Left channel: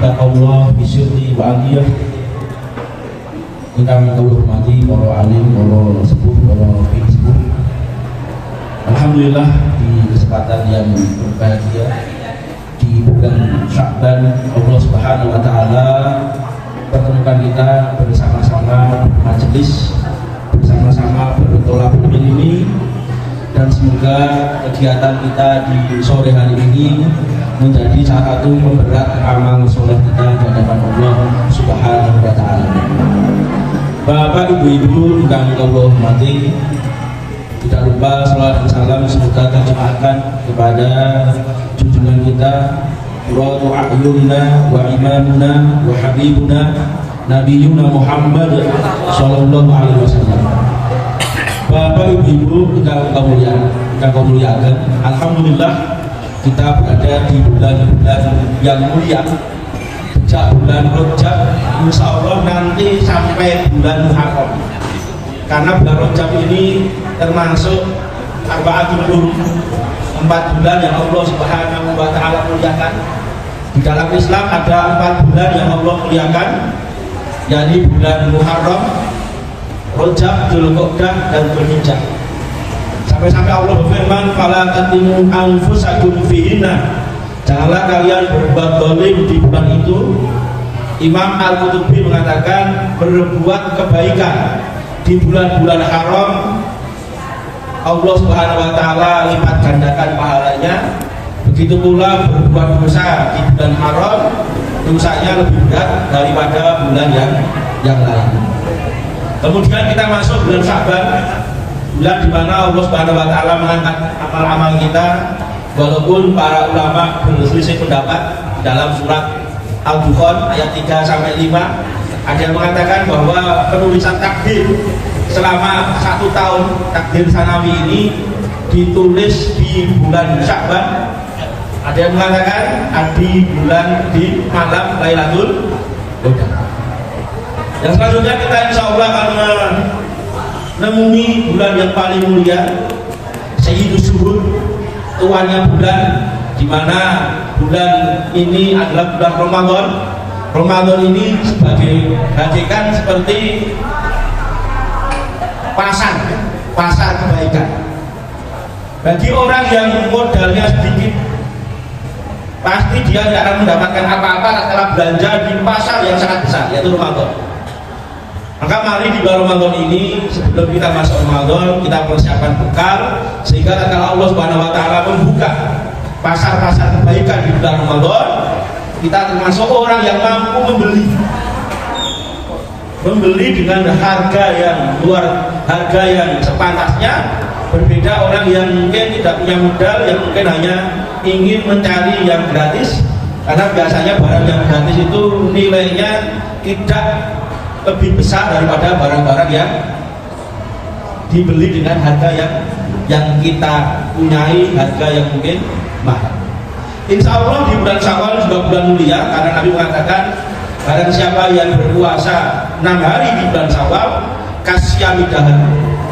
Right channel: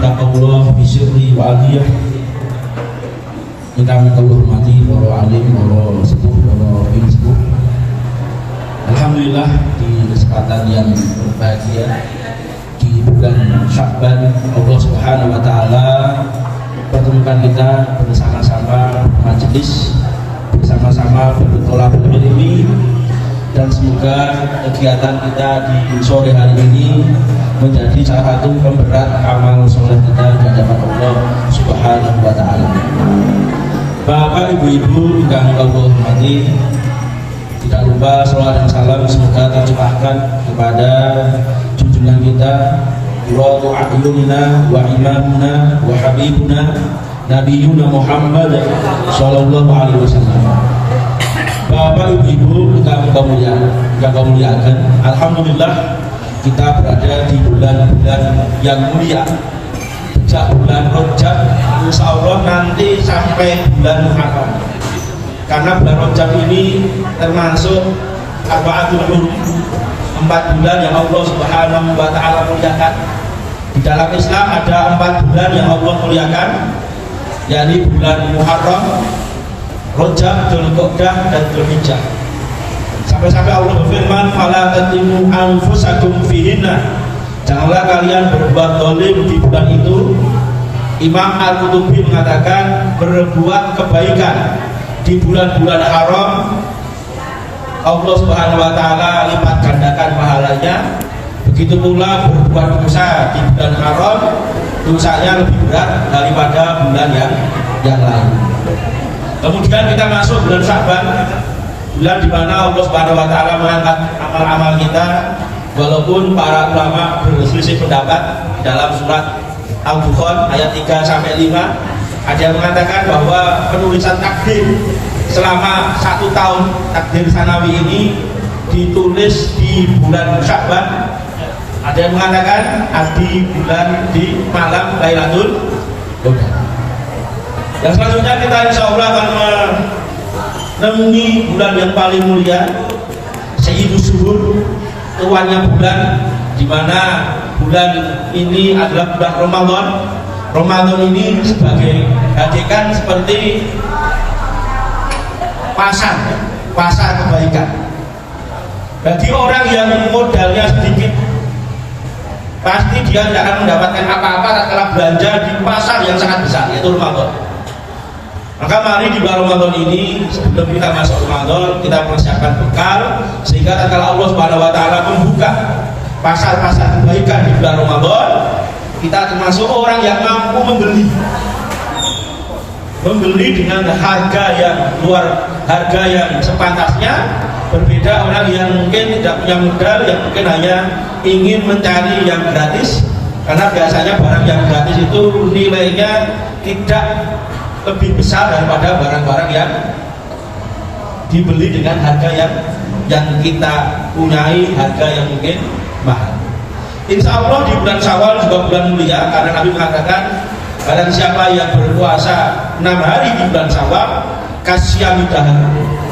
taqallah bisyuri wa aliyah. Kami hormati para alim, para sepuh, para sepuh. Alhamdulillah di kesempatan yang berbahagia di bulan Sya'ban, Allah Subhanahu wa taala pertemukan kita bersama-sama majelis, bersama-sama bertolak ilmi, dan semoga kegiatan kita di sore hari ini menjadi salah satu pemberat amal soleh kita di hadapan Allah Subhanahu wa taala. Bapak Ibu yang Allah hormati, tidak lupa salawat dan salam semoga tercurahkan kepada junjungan kita, qurratu a'yunina wa imamuna wa habibuna nabiyuna Muhammad sallallahu alaihi wasallam. Bapak Ibu yang muliakan, alhamdulillah kita berada di bulan-bulan yang mulia. Sejak bulan Rajab, insya Allah nanti sampai bulan Muharram. Karena bulan Rajab ini termasuk arba'atul hurum, 4 bulan yang Allah Subhanahu wa taala muliakan. Di dalam Islam ada 4 bulan yang Allah muliakan, yakni bulan Muharram, Rajab, Dzulqa'dah, dan Dzulhijjah. Sampai-sampai Allah berfirman, "Fala tatimu anfusakum fihinna." Janganlah kalian berbuat zalim di bulan itu. Imam Al-Qurtubi mengatakan berbuat kebaikan di bulan-bulan haram Allah Subhanahu wa taala lipat gandakan pahalanya. Begitu pula berbuat dosa di bulan haram, dosanya lebih berat daripada bulan yang lain. Kemudian kita masuk bulan Sya'ban, bulan di mana Allah Subhanahu wa taala mengangkat amal-amal kita. Walaupun para ulama berselisih pendapat dalam surat Al-Dukhan ayat 3 sampai 5, ada yang mengatakan bahwa penulisan takdir selama 1 tahun takdir sanawi ini ditulis di bulan Sya'ban. Ada yang mengatakan di malam Lailatul Qadar. Yang selanjutnya kita insya Allah akan menemui bulan yang paling mulia, Sayyidus Syuhur, tuannya bulan, di mana bulan ini adalah bulan Ramadan. Ramadan ini sebagai hakikat seperti pasar kebaikan. Bagi orang yang modalnya sedikit, pasti dia tidak akan mendapatkan apa-apa tatkala belanja di pasar yang sangat besar, yaitu Ramadan. Maka mari di bulan Ramadan ini, sebelum kita masuk Ramadan, kita persiapkan bekal sehingga tatkala Allah Subhanahu wa taala membuka pasar-pasar kebaikan di bulan Ramadan, kita termasuk orang yang mampu membeli dengan harga yang sepantasnya. Berbeda orang yang mungkin tidak punya modal, yang mungkin hanya ingin mencari yang gratis, karena biasanya barang yang gratis itu nilainya tidak lebih besar daripada barang-barang yang dibeli dengan harga yang kita punyai, harga yang mungkin mahal. Insya Allah di bulan Syawal juga bulan mulia, karena Nabi mengatakan barang siapa yang berpuasa 6 hari di bulan Syawal, kasyamidah,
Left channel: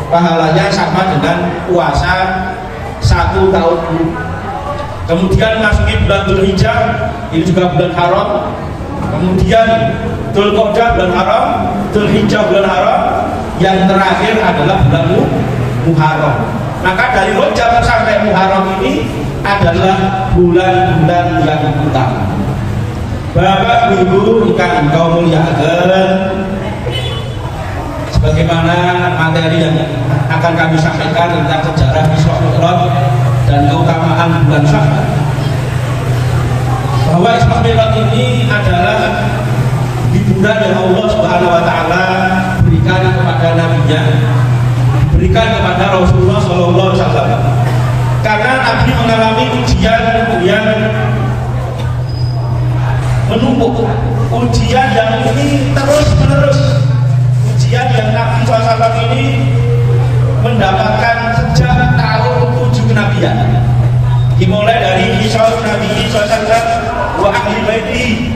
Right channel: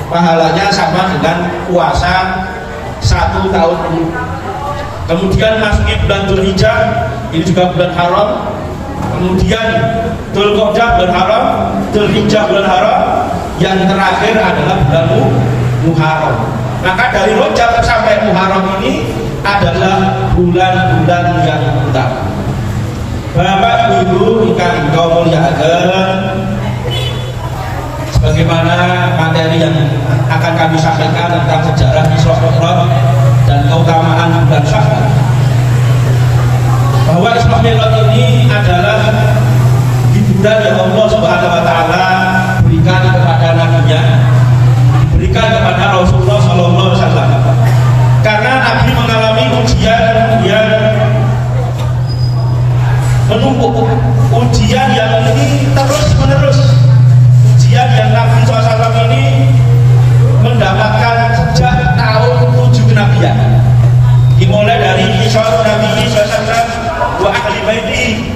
pahalanya sama dengan puasa 1 tahun. Kemudian masuki bulan Dzulhijjah, ini juga bulan haram. Kemudian Dzulqa'dah bulan haram, Dzulhijjah bulan haram, yang terakhir adalah bulan Muharram. Maka dari Rajab sampai Muharram ini adalah bulan-bulan yang utama. Bapak Ibu ingkang kula muliakan, sebagaimana materi yang akan kami sampaikan tentang sejarah Isra Mi'raj dan keutamaan bulan Sya'ban, bahwa Isra Mi'raj ini adalah hiburan yang Allah Subhanahu wa taala berikan kepada nabinya, berikan kepada Rasulullah sallallahu alaihi wasallam. Karena Nabi mengalami ujian yang menumpuk, ujian yang ini terus-menerus, ujian yang Nabi SAW ini mendapatkan sejak tahun 7 kenabian, dimulai dari Isra Nabi SAW wa ahli baiti,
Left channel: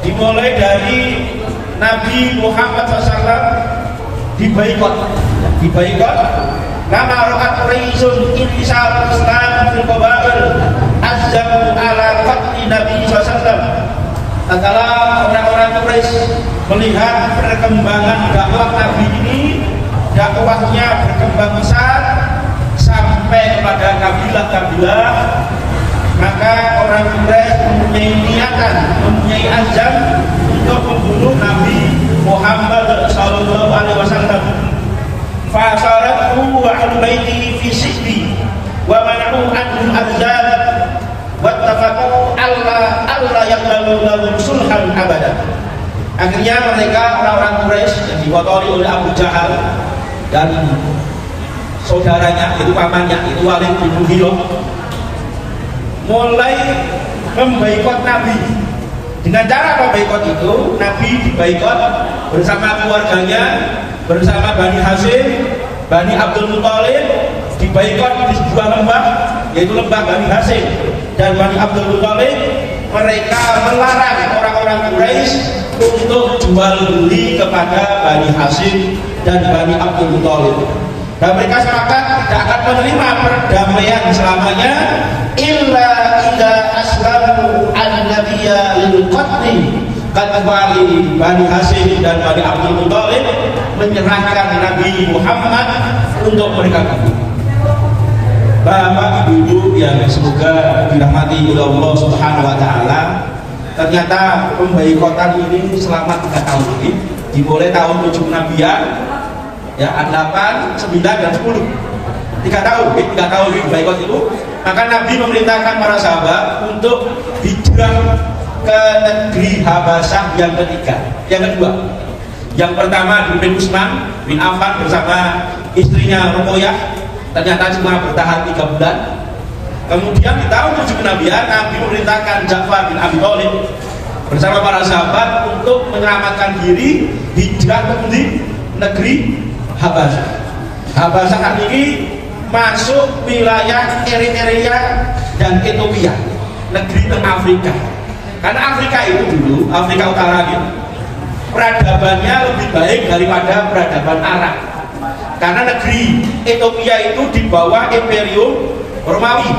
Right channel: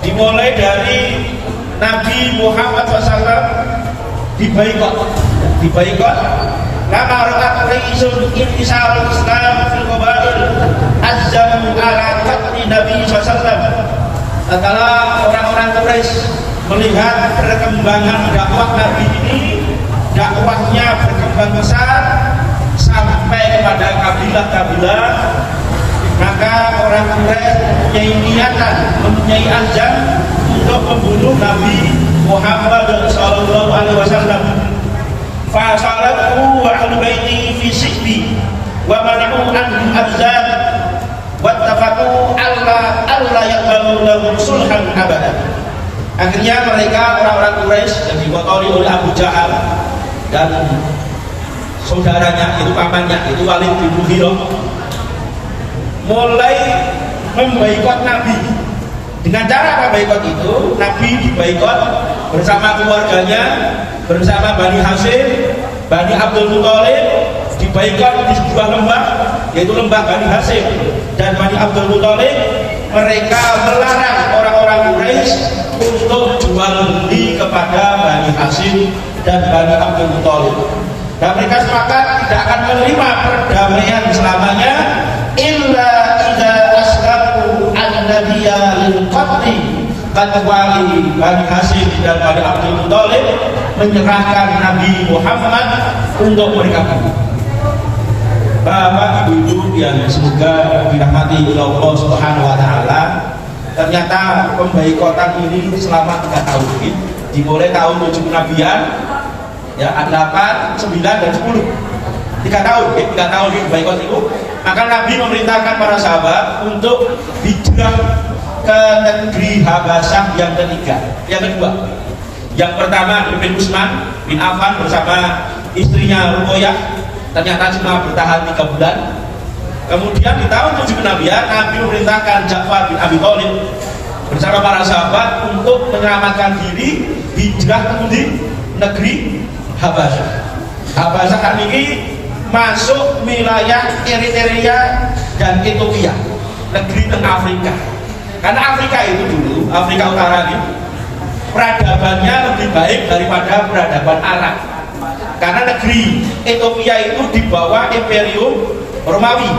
dimulai dari Nabi Muhammad SAW dibaikot karena ra'at risul intisar Islam fil qabail azam ala qatli Nabi SAW. adalah orang-orang Quraisy melihat perkembangan dakwah Nabi ini, dakwahnya berkembang besar sampai kepada kabilah-kabilah, maka orang Quraisy mempunyai niatan, mempunyai anjang untuk membunuh Nabi Muhammad sallallahu alaihi wasallam. Fa salatu wa ahli baiti fi sibbi wa mana'u an al-azab wattafaqu alla yaqbalu lahum sulhan abada. Akhirnya mereka orang-orang Quraisy yang dikotori oleh Abu Jahal dan saudaranya, itu pamannya, itu Walid bin Mughirah, mulai memboikot Nabi. Dengan cara memboikot itu, Nabi diboikot bersama keluarganya, bersama Bani Hashim, Bani Abdul Muthalib, diboikot di sebuah lembah, yaitu lembah Bani Hashim dan Bani Abdul Muthalib. Mereka melarang orang-orang Quraisy untuk jual beli kepada Bani Hashim dan Bani Abdul Muthalib. Dan mereka sepakat tidak akan menerima perdamaian selamanya illa idza aslamu al-nabiyya lil qatli, kecuali Bani Hashim dan Bani Abdul Muthalib menyerahkan Nabi Muhammad untuk mereka bunuh. Bapak Ibu yang semoga dirahmati oleh Allah Subhanahu wa taala, ternyata pemboikotan ini selama 3 tahun ini, dimulai tahun 7 Nabian, ya 8, 9 dan 10. 3 tahun, 3 tahun ini boikot itu. Maka Nabi memerintahkan para sahabat untuk hijrah ke negeri Habasyah yang ketiga, yang kedua. Yang pertama bin Utsman bin Affan bersama istrinya Ruqayyah, ternyata cuma bertahan 3 bulan. Kemudian di tahun 7 kenabian, Nabi memerintahkan Ja'far bin Abi Thalib bersama para sahabat untuk menyelamatkan diri hijrah ke negeri Habasyah. Habasyah ini masuk wilayah Eritrea dan Ethiopia, negeri tengah Afrika. Karena Afrika itu dulu, Afrika Utara ini, peradabannya lebih baik daripada peradaban Arab. Karena negeri Ethiopia itu di bawah Imperium Romawi,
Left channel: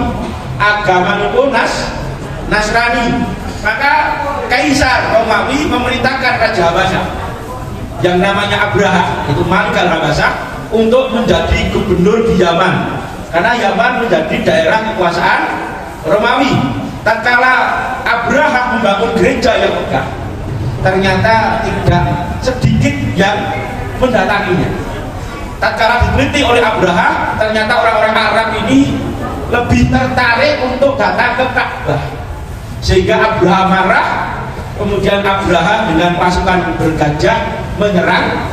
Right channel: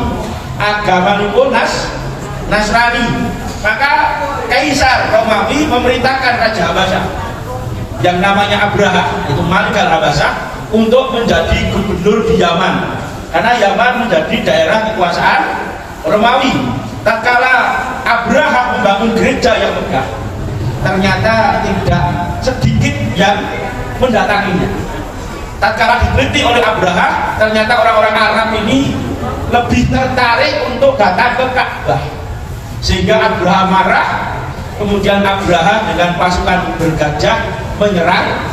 agama itu Nasrani. Maka Kaisar Romawi memerintahkan Raja Habasyah yang namanya Abraha, itu Malik al-Habasyah, untuk menjadi gubernur di Yaman. Karena Yaman menjadi daerah kekuasaan Romawi. Tatkala Abraha membangun gereja yang megah, ternyata tidak sedikit yang mendatanginya. Tatkala diteliti oleh Abraha, ternyata orang-orang Arab ini lebih tertarik untuk datang ke Ka'bah, sehingga Abraha marah. Kemudian Abraha dengan pasukan bergajah menyerang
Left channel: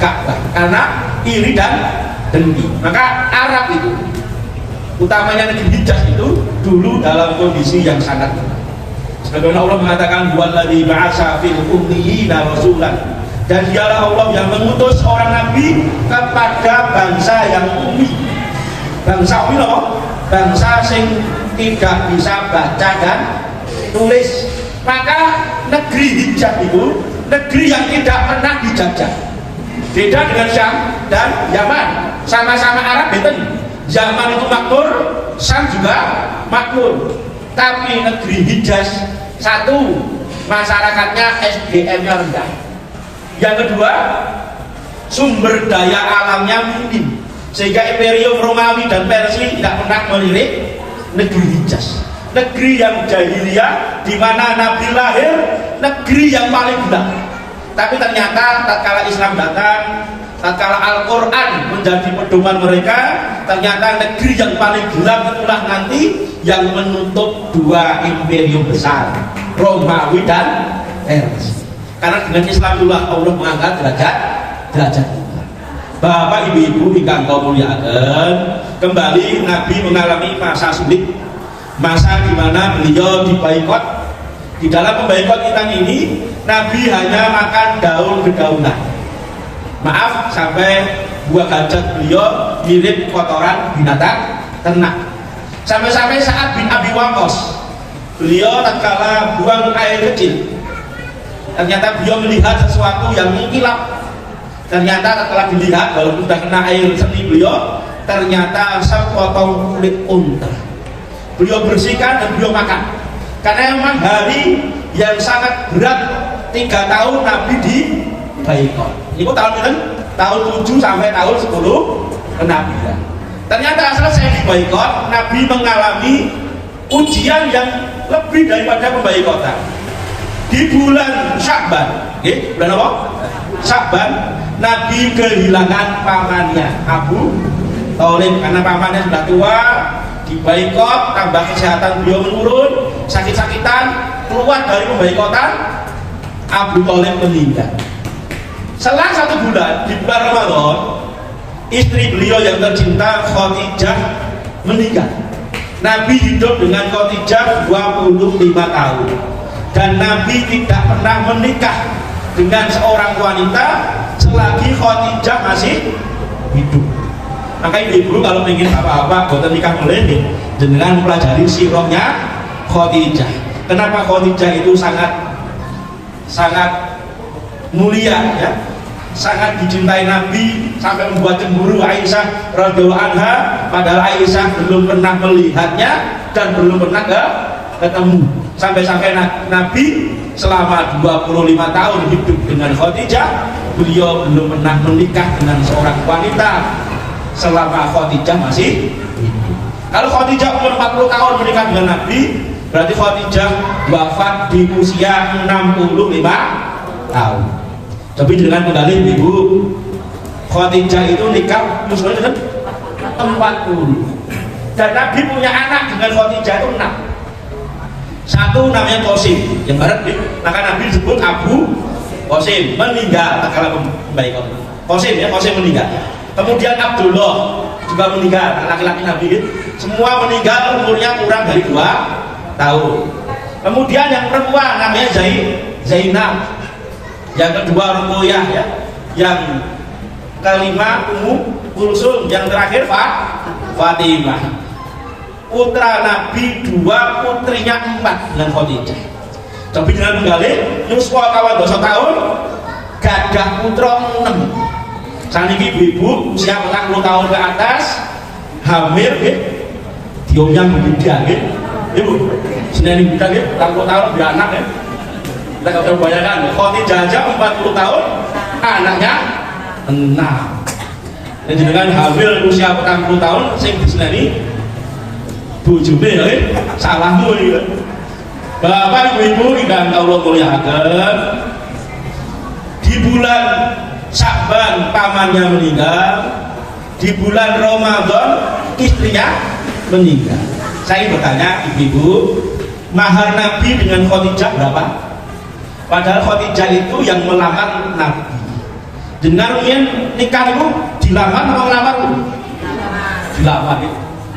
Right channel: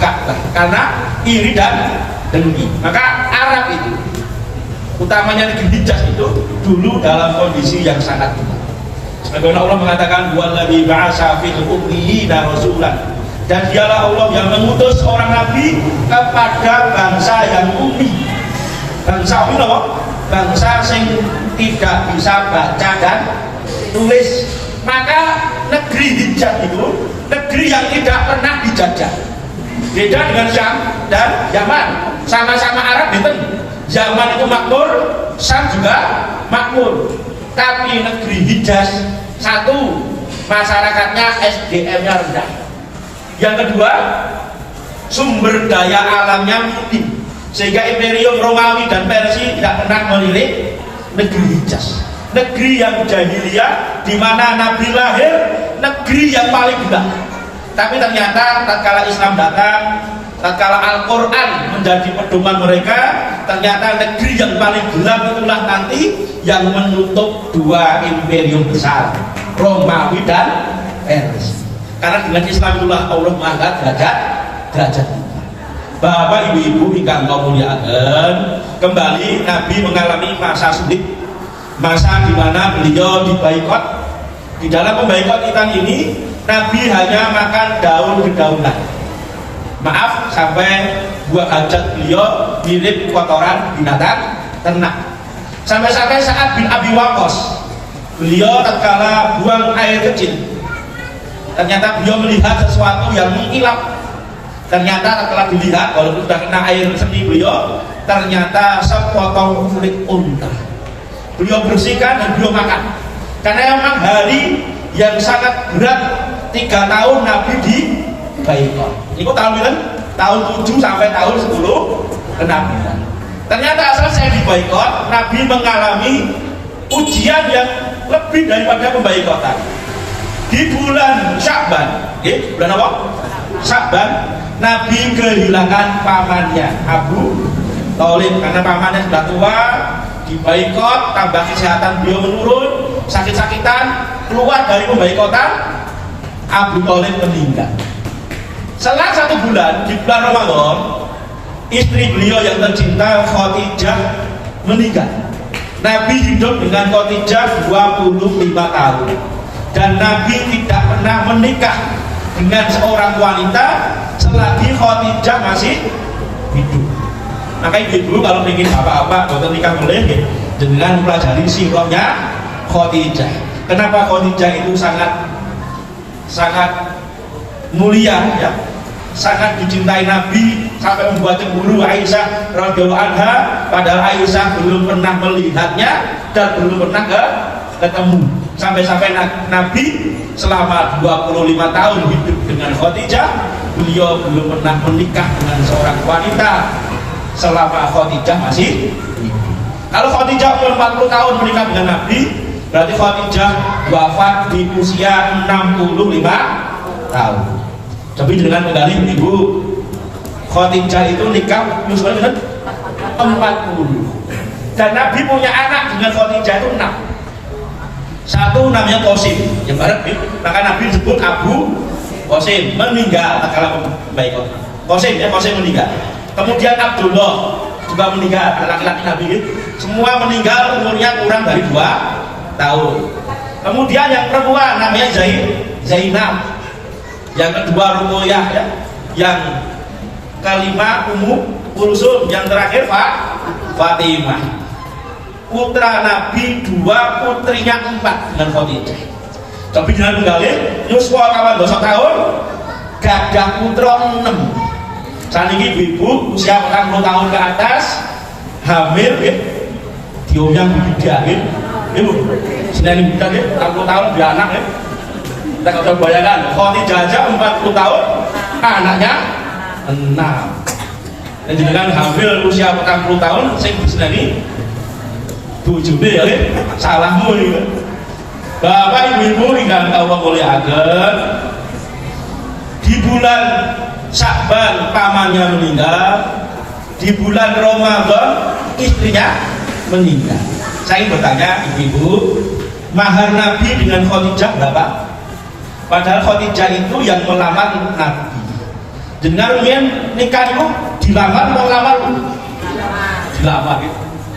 Ka'bah karena iri dan dengki. Maka Arab itu, utamanya negeri Hijaz itu, dulu dalam kondisi yang sangat buruk. Sebagaimana Allah mengatakan, "Walladzi ba'atsa fil ummiyina rasulan." Dan dialah Allah yang mengutus seorang nabi kepada bangsa yang ummi. Bangsa ummi apa? Bangsa yang tidak bisa baca dan tulis. Maka negeri Hijaz itu negeri yang tidak pernah dijajah. Beda dengan Syam dan Yaman, sama-sama Arab, beten. Yaman itu makmur, Syam juga makmur. Tapi negeri Hijaz, satu, masyarakatnya SDM-nya rendah. Yang kedua, sumber daya alamnya minim, sehingga Imperium Romawi dan Persia tidak pernah melirik negeri Hijaz, negeri yang jahiliyah, di mana Nabi lahir, negeri yang paling gelap. Tapi ternyata tatkala Islam datang, tatkala Al-Quran menjadi pedoman mereka, ternyata negeri yang paling gelap itulah nanti yang menutup 2 imperium besar, Romawi dan Persia. Karena dengan Islam itulah Allah mengangkat derajat. Bapak ibu-ibu ingkang kula mulyakaken, kembali Nabi mengalami masa sulit, masa di mana beliau diboikot. Di dalam memboikot kita ini, Nabi hanya makan daun-dedaunan. Maaf, sampai buah hajat beliau mirip kotoran binatang ternak. Sampai-sampai saat bin Abi Waqqas, beliau tatkala buang air kecil, ternyata beliau melihat sesuatu yang mengkilap. Ternyata setelah dilihat, walaupun sudah kena air seni beliau, ternyata sepotong kulit unta. Beliau bersihkan dan beliau makan. Karena memang hari yang sangat berat 3 tahun Nabi di boikot. Itu tahun berapa? Tahun 7 sampai tahun 10 kenabian. Ternyata selesai di boikot, Nabi mengalami ujian yang lebih daripada pemboikotan. Di bulan Sya'ban, bulan apa? Sya'ban, Nabi kehilangan pamannya Abu Thalib karena pamannya sudah tua, diboikot, tambah kesehatan beliau menurun, sakit-sakitan, keluar dari pemboikotan, Abu Thalib meninggal. Selang 1 bulan, di bulan Ramadan, istri beliau yang tercinta Khadijah meninggal. Nabi hidup dengan Khadijah 25 tahun dan Nabi tidak pernah menikah dengan seorang wanita selagi Khadijah masih hidup. Maka ibu kalau ingin apa-apa buat nikah melengit dengan pelajari sirahnya Khadijah. Kenapa Khadijah itu sangat mulia ya, sangat dicintai Nabi sampai membuat cemburu Aisyah radhiyallahu anha, padahal Aisyah belum pernah melihatnya dan belum pernah ketemu. Sampai-sampai Nabi selama 25 tahun hidup dengan Khadijah, beliau belum pernah menikah dengan seorang wanita selama Khadijah masih hidup. Kalau Khadijah umur 40 tahun menikah dengan Nabi, berarti Khadijah wafat di usia 65 tahun. Tapi dengan menggali ibu, Khadijah itu nikah usianya 40. Dan Nabi punya anak dengan Khadijah itu 6. Satu namanya Qasim, yang barat, maka Nabi disebut Abu Qasim, meninggal tatkala pemboikot. Qasim ya, Qasim meninggal. Kemudian Abdullah juga meninggal, laki-laki Nabi. Semua meninggal umurnya kurang dari 2 tahun. Kemudian yang perempuan namanya Zainab. Yang kedua Ruqayyah ya. Yang kelima Ummu Kulsum, yang terakhir Fatimah. Putra Nabi 2, putrinya 4 dengan Khadijah. Tapi dengan menggali yuswa kawan 2 tahun, gadah putra 6. Saniki ibu-ibu usia 40 tahun ke atas hamil ya, diomnya beda ya. Ibu, sini beda ya, 40 tahun dia anak ya. Kita nggak bisa bayangkan, Khadijah aja 40 tahun, anaknya 6. Dan dengan hamil usia 40 tahun, sing disini bujune ya, salahmu ini. Bapak ibu-ibu ingkang kula mulyakaken, di bulan Sya'ban pamannya meninggal, di bulan Ramadan istrinya meninggal. Saya ingin bertanya ibu-ibu, mahar Nabi dengan Khadijah berapa? Padahal Khadijah itu yang melamar Nabi. Dengar nikah itu dilamar mau lamar? Dilamar.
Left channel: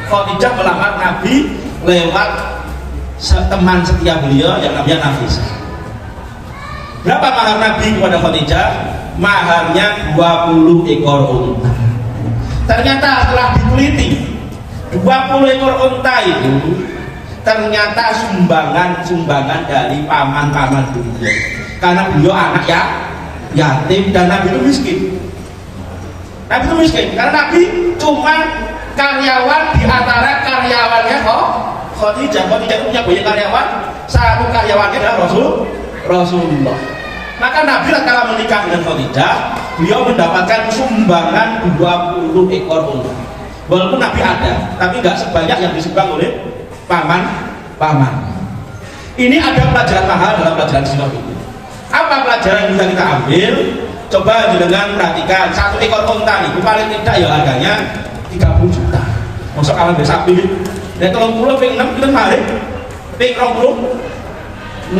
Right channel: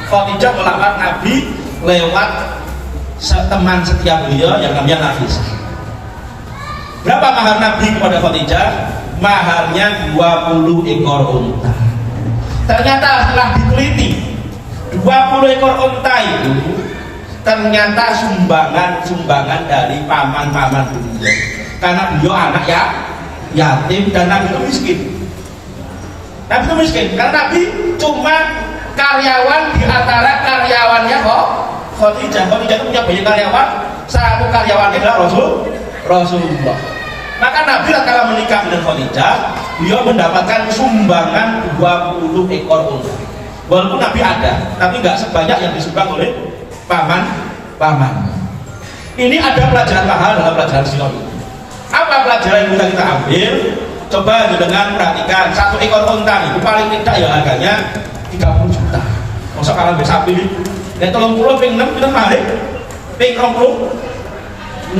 Khadijah melamar Nabi lewat teman setia beliau yang namanya Nafisah. Berapa mahar Nabi kepada Khadijah? Maharnya 20 ekor unta. Ternyata setelah diteliti 20 ekor unta itu ternyata sumbangan dari paman-paman beliau. Karena beliau anak yatim dan Nabi itu miskin. Nabi itu miskin karena Nabi cuma karyawan di antara karyawannya Khadijah. Khadijah punya banyak karyawan, satu karyawannya adalah Rasulullah. Maka Nabi kalau menikah dengan Khadijah, beliau mendapatkan sumbangan 20 ekor unta. Walaupun Nabi ada, tapi nggak sebanyak yang disumbang oleh paman. Ini ada pelajaran mahal dalam pelajaran sirah ini. Apa pelajaran yang bisa kita ambil? Coba dengan perhatikan, satu ekor unta nih, paling tidak ya harganya 30 juta. Masuk kalau bisa pilih. Dan 30 ping 6 kita mari, ping 20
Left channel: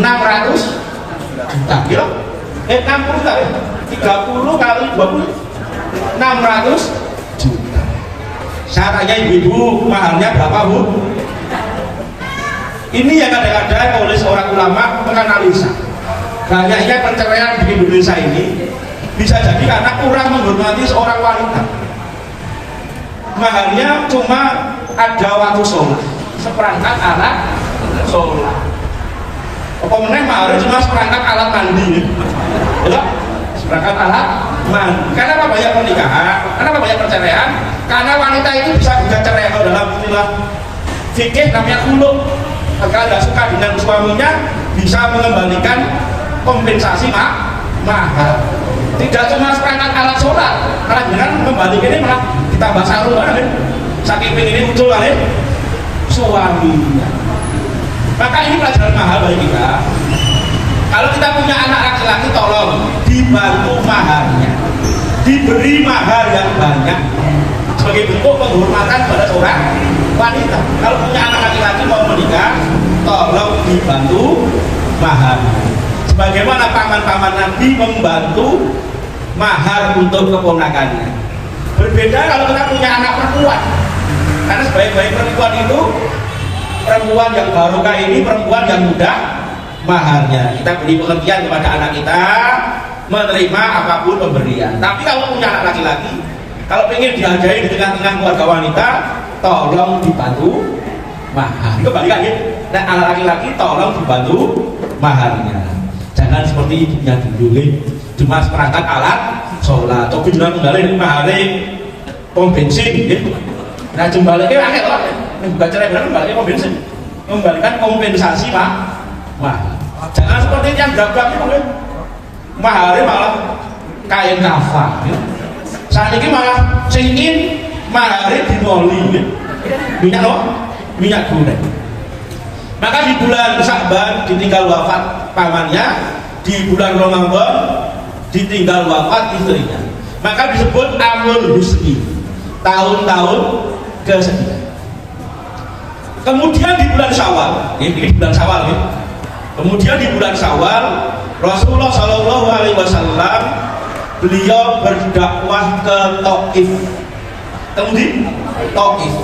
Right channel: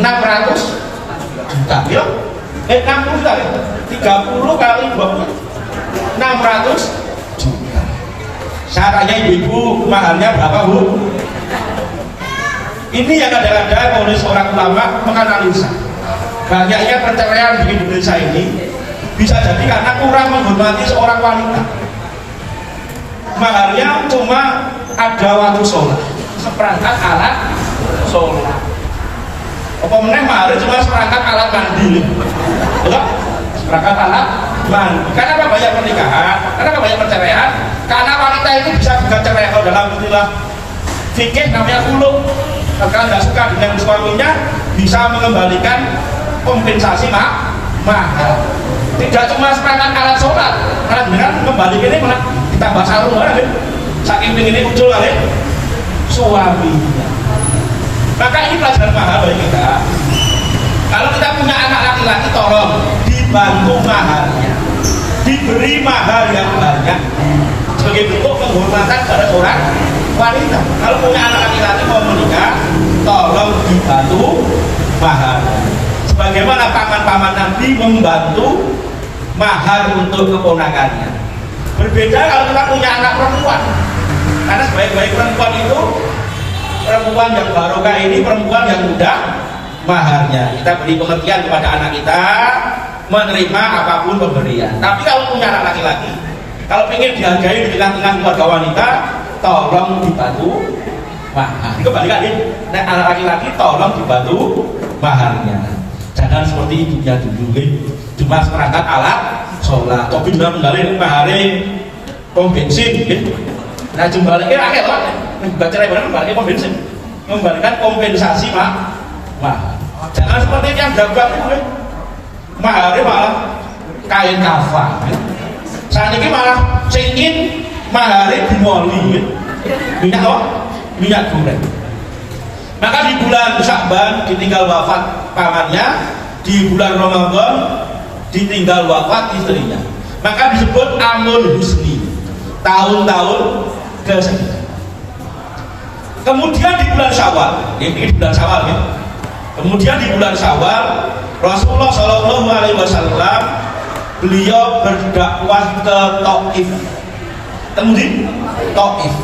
600 juta. Ya. 60 juta. 30 kali 20 600 juta. Saya tanya ibu-ibu, mahalnya berapa bu? Ini yang kadang-kadang oleh seorang ulama menganalisa banyaknya perceraian di Indonesia ini bisa jadi karena kurang menghormati seorang wanita. Mahalnya cuma ada waktu sholat, seperangkat alat sholat. Apa meneh mahalnya cuma seperangkat alat mandi, ya? Seperangkat alat mandi. Kenapa banyak pernikahan? Kenapa banyak perceraian? Karena wanita itu bisa cerai. Kalau dalam istilah fikih namanya khulu. kalau tidak suka dengan suaminya bisa mengembalikan kompensasi mahar. Tidak cuma seperangkat alat sholat, karena dengan kembalikan ini malah ditambah satu saking ini muncul kali suaminya. Maka ini pelajaran mahal bagi kita. Kalau kita punya anak laki-laki, tolong dibantu maharnya, diberi mahar yang banyak sebagai bentuk penghormatan pada seorang wanita. Kalau punya anak laki-laki mau menikah, tolong dibantu mahar. Sebagaimana paman-paman Nabi membantu mahar untuk keponakannya. Berbeda kalau kita punya anak perempuan, karena sebaik-baik perempuan itu perempuan yang barokah ini perempuan yang mudah maharnya. Kita beri pengertian kepada anak kita menerima apapun pemberian. Tapi kalau punya anak laki-laki, kalau ingin dihargai di tengah-tengah keluarga wanita, tolong dibantu mahar. Kembali lagi, nah, anak laki-laki tolong dibantu maharnya. Jangan seperti ibunya dulu, cuma seperangkat alat sholat. Tapi juga menggali mahare pom bensin, gitu. Nah jembaliknya akhir lah, bukan cerai benar, membaliknya pom bensin, membalikan kompensasi mahar. Jangan seperti yang gabrak itu, mahare malah kain kafan. Saat ini malah singin mahare dimoli, minyak loh, minyak goreng. Maka di bulan Sya'ban ditinggal wafat pamannya, di bulan Ramadan ditinggal wafat istrinya. Maka disebut amul husni, tahun-tahun kesedihan. Kemudian di bulan Syawal, ini bulan Syawal ya. Kemudian di bulan Syawal Rasulullah Shallallahu Alaihi Wasallam beliau berdakwah ke Taif. Kemudian Taif,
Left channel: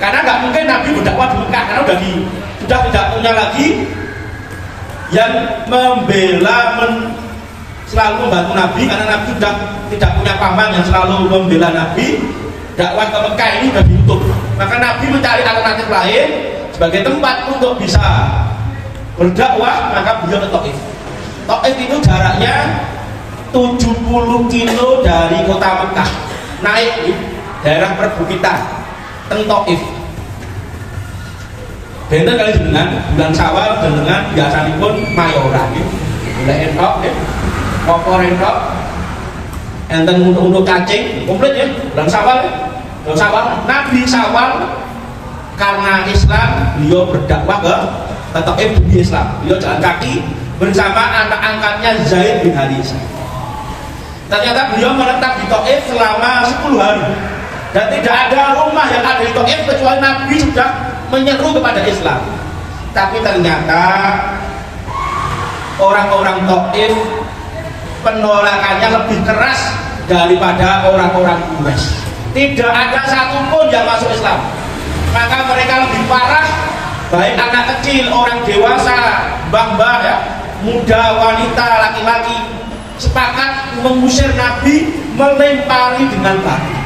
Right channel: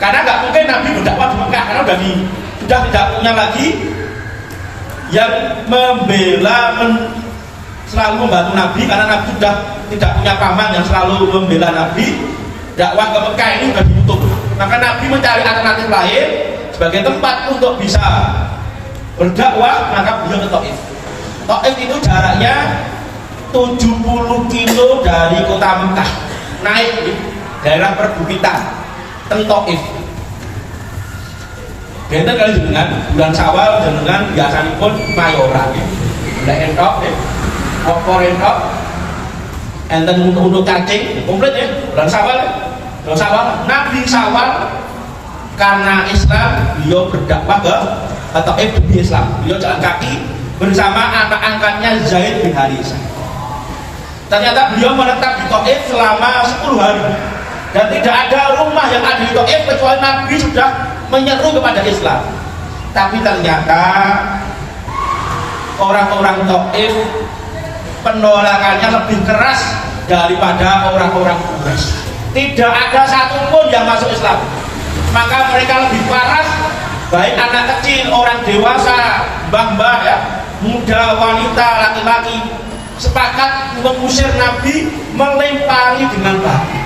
karena nggak mungkin Nabi berdakwah di Mekah, karena sudah tidak punya lagi yang membela selalu membantu Nabi, karena Nabi sudah tidak punya paman yang selalu membela Nabi. Dakwah ke Mekah ini sudah ditutup, maka Nabi mencari alternatif lain sebagai tempat untuk bisa berdakwah. Maka beliau ke Taif. Taif itu jaraknya 70 kilo dari kota Mekah, naik di daerah perbukitan teng Taif. Benten kali dengan bulan Syawal dengan biasanya pun mayoran, bulan entok, kopor entok, enten untuk cacing, komplit ya, bulan Syawal. Bulan Syawal, Nabi Syawal karena Islam beliau berdakwah ke Taif demi Islam. Beliau jalan kaki bersama anak angkatnya Zaid bin Harithah. Ternyata beliau menetap di Taif selama 10 hari dan tidak ada rumah yang ada di Taif kecuali Nabi sudah menyeru kepada Islam. Tapi ternyata orang-orang Taif penolakannya lebih keras daripada orang-orang Quraisy. Tidak ada satupun yang masuk Islam. Maka mereka lebih parah, baik anak kecil, orang dewasa, mbah-mbah ya, muda, wanita, laki-laki, sepakat mengusir Nabi, melempari dengan batu.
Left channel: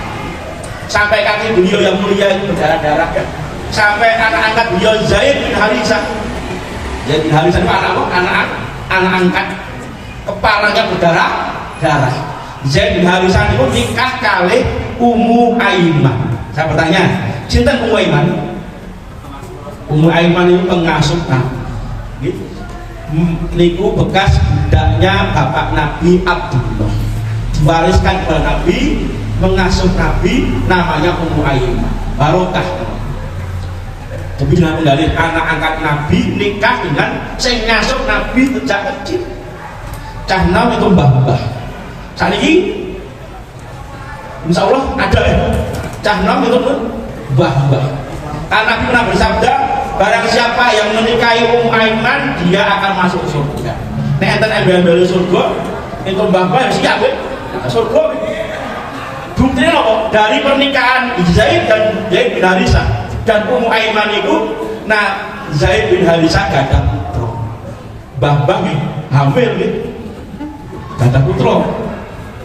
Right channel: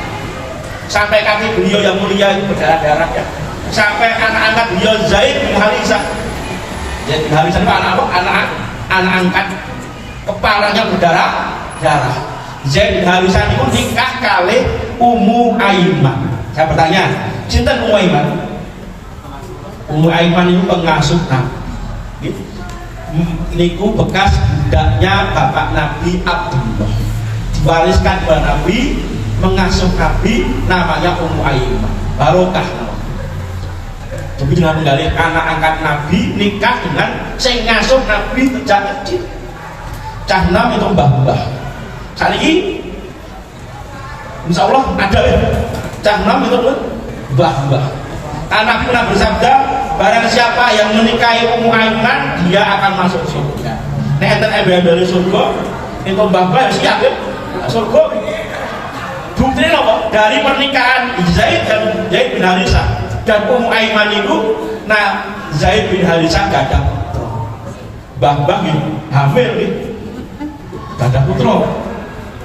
Sampai kaki beliau yang mulia itu berdarah-darah ya. Sampai anak angkat beliau Zaid bin Harithah. Zaid bin Harithah itu anak angkat, kepalanya berdarah-darah. Zaid bin Harithah itu nikah kali Ummu Aiman. Saya bertanya, cinta Ummu Aiman? Ummu Aiman itu pengasuh Nabi. Niku bekas budaknya bapak Nabi Abdullah, diwariskan kepada Nabi, mengasuh Nabi, namanya Ummu Aiman. Barokah. Jadi dengan menggali anak angkat Nabi nikah dengan sing ngasuh Nabi sejak kecil. Cah nom itu mbah-mbah. Saat ini insya Allah ada ya cah nom itu pun mbah-mbah. Karena Nabi pernah bersabda, barang siapa yang menikahi Ummu Aiman dia akan masuk surga. Nek enten embel-embel surga itu mbah-mbah siap ya surga. Buktinya apa? Dari pernikahan Zaid dan Zaid bin Harithah dan Ummu Aiman itu, nah Zaid bin Harithah gak ada putra, mbah-mbah hamil gitu, gak ada putra.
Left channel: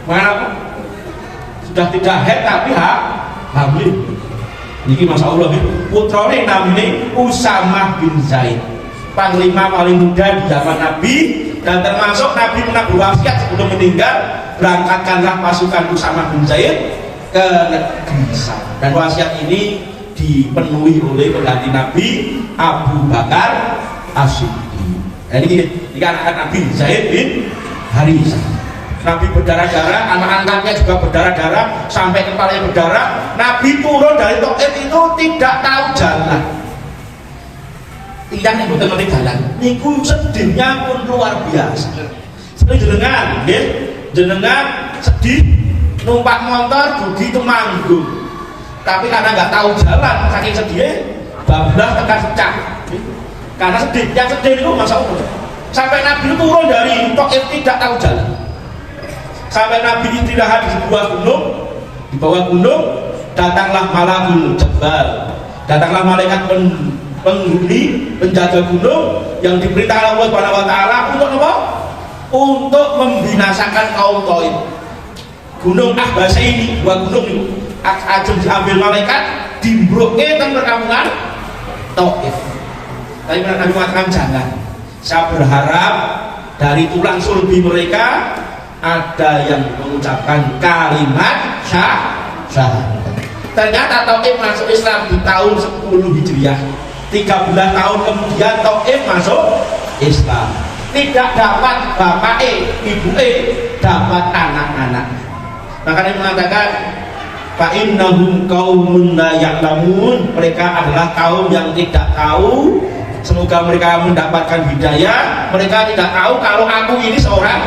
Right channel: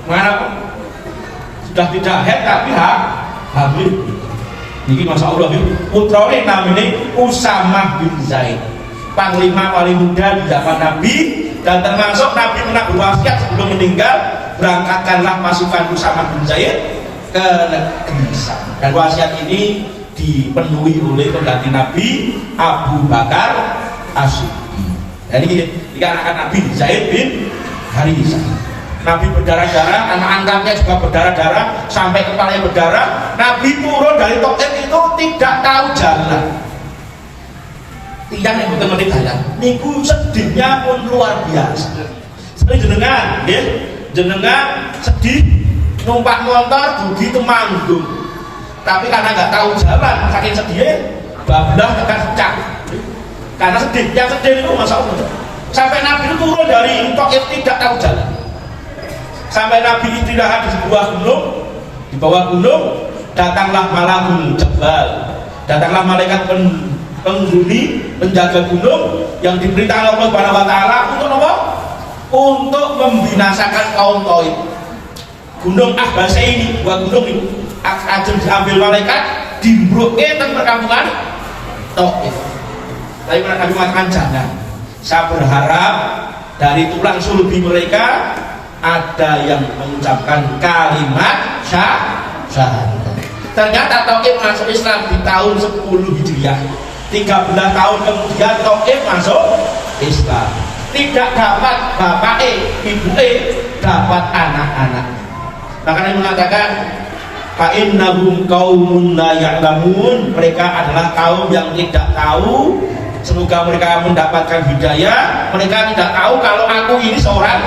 Mana sudah tidak haid tapi hamil. Niki masya Allah gitu. Putrane namanya Usamah bin Zaid, panglima paling muda di zaman Nabi, dan termasuk Nabi pernah berwasiat sebelum meninggal, berangkatkanlah pasukan Usamah bin Zaid ke negeri Syam. Dan wasiat ini dipenuhi oleh pengganti Nabi Abu Bakar As-Siddiq. Jadi dikarenakan Nabi Zaid bin Harisah, Nabi berdarah-darah, anak angkatnya juga berdarah-darah sampai kepalanya berdarah. Nabi turun dari Taif itu tidak tahu jalan, tiang yang betul-betul jalan. Niku sedihnya pun luar biasa. Sering jenengan sedih numpak motor dugi Temanggung, tapi karena nggak tahu jalan saking sedih bablah akan pecah karena sedih. Yang sedih itu masalah sampai Nabi turun dari Taif tidak tahu jalan, sampai Nabi istirahat di sebuah gunung. Di bawah gunung datanglah malakul jabal, datanglah malaikat penghuni penjaga gunung yang diperintahkan Allah Subhanahu wa taala untuk apa? Untuk membinasakan kaum Taif. Gunung Ahbasa ini, dua gunung ini akan diambil malaikat dimbroke teng perkampungan Taif. Tapi mereka mengatakan jangan. Saya berharap dari tulang sulbi mereka ada yang mengucapkan kalimat syahadat. Ternyata Taif masuk Islam di tahun 10 Hijriah. 13 tahun kemudian Taif masuk Islam. Tidak dapat bapak ibu dapat anak-anak. Makanya mengatakan fa innahum qaumun la ya'lamun, mereka adalah kaum yang tidak tahu. Semoga mereka mendapatkan hidayah. Mereka tidak tahu kalau aku ini seorang.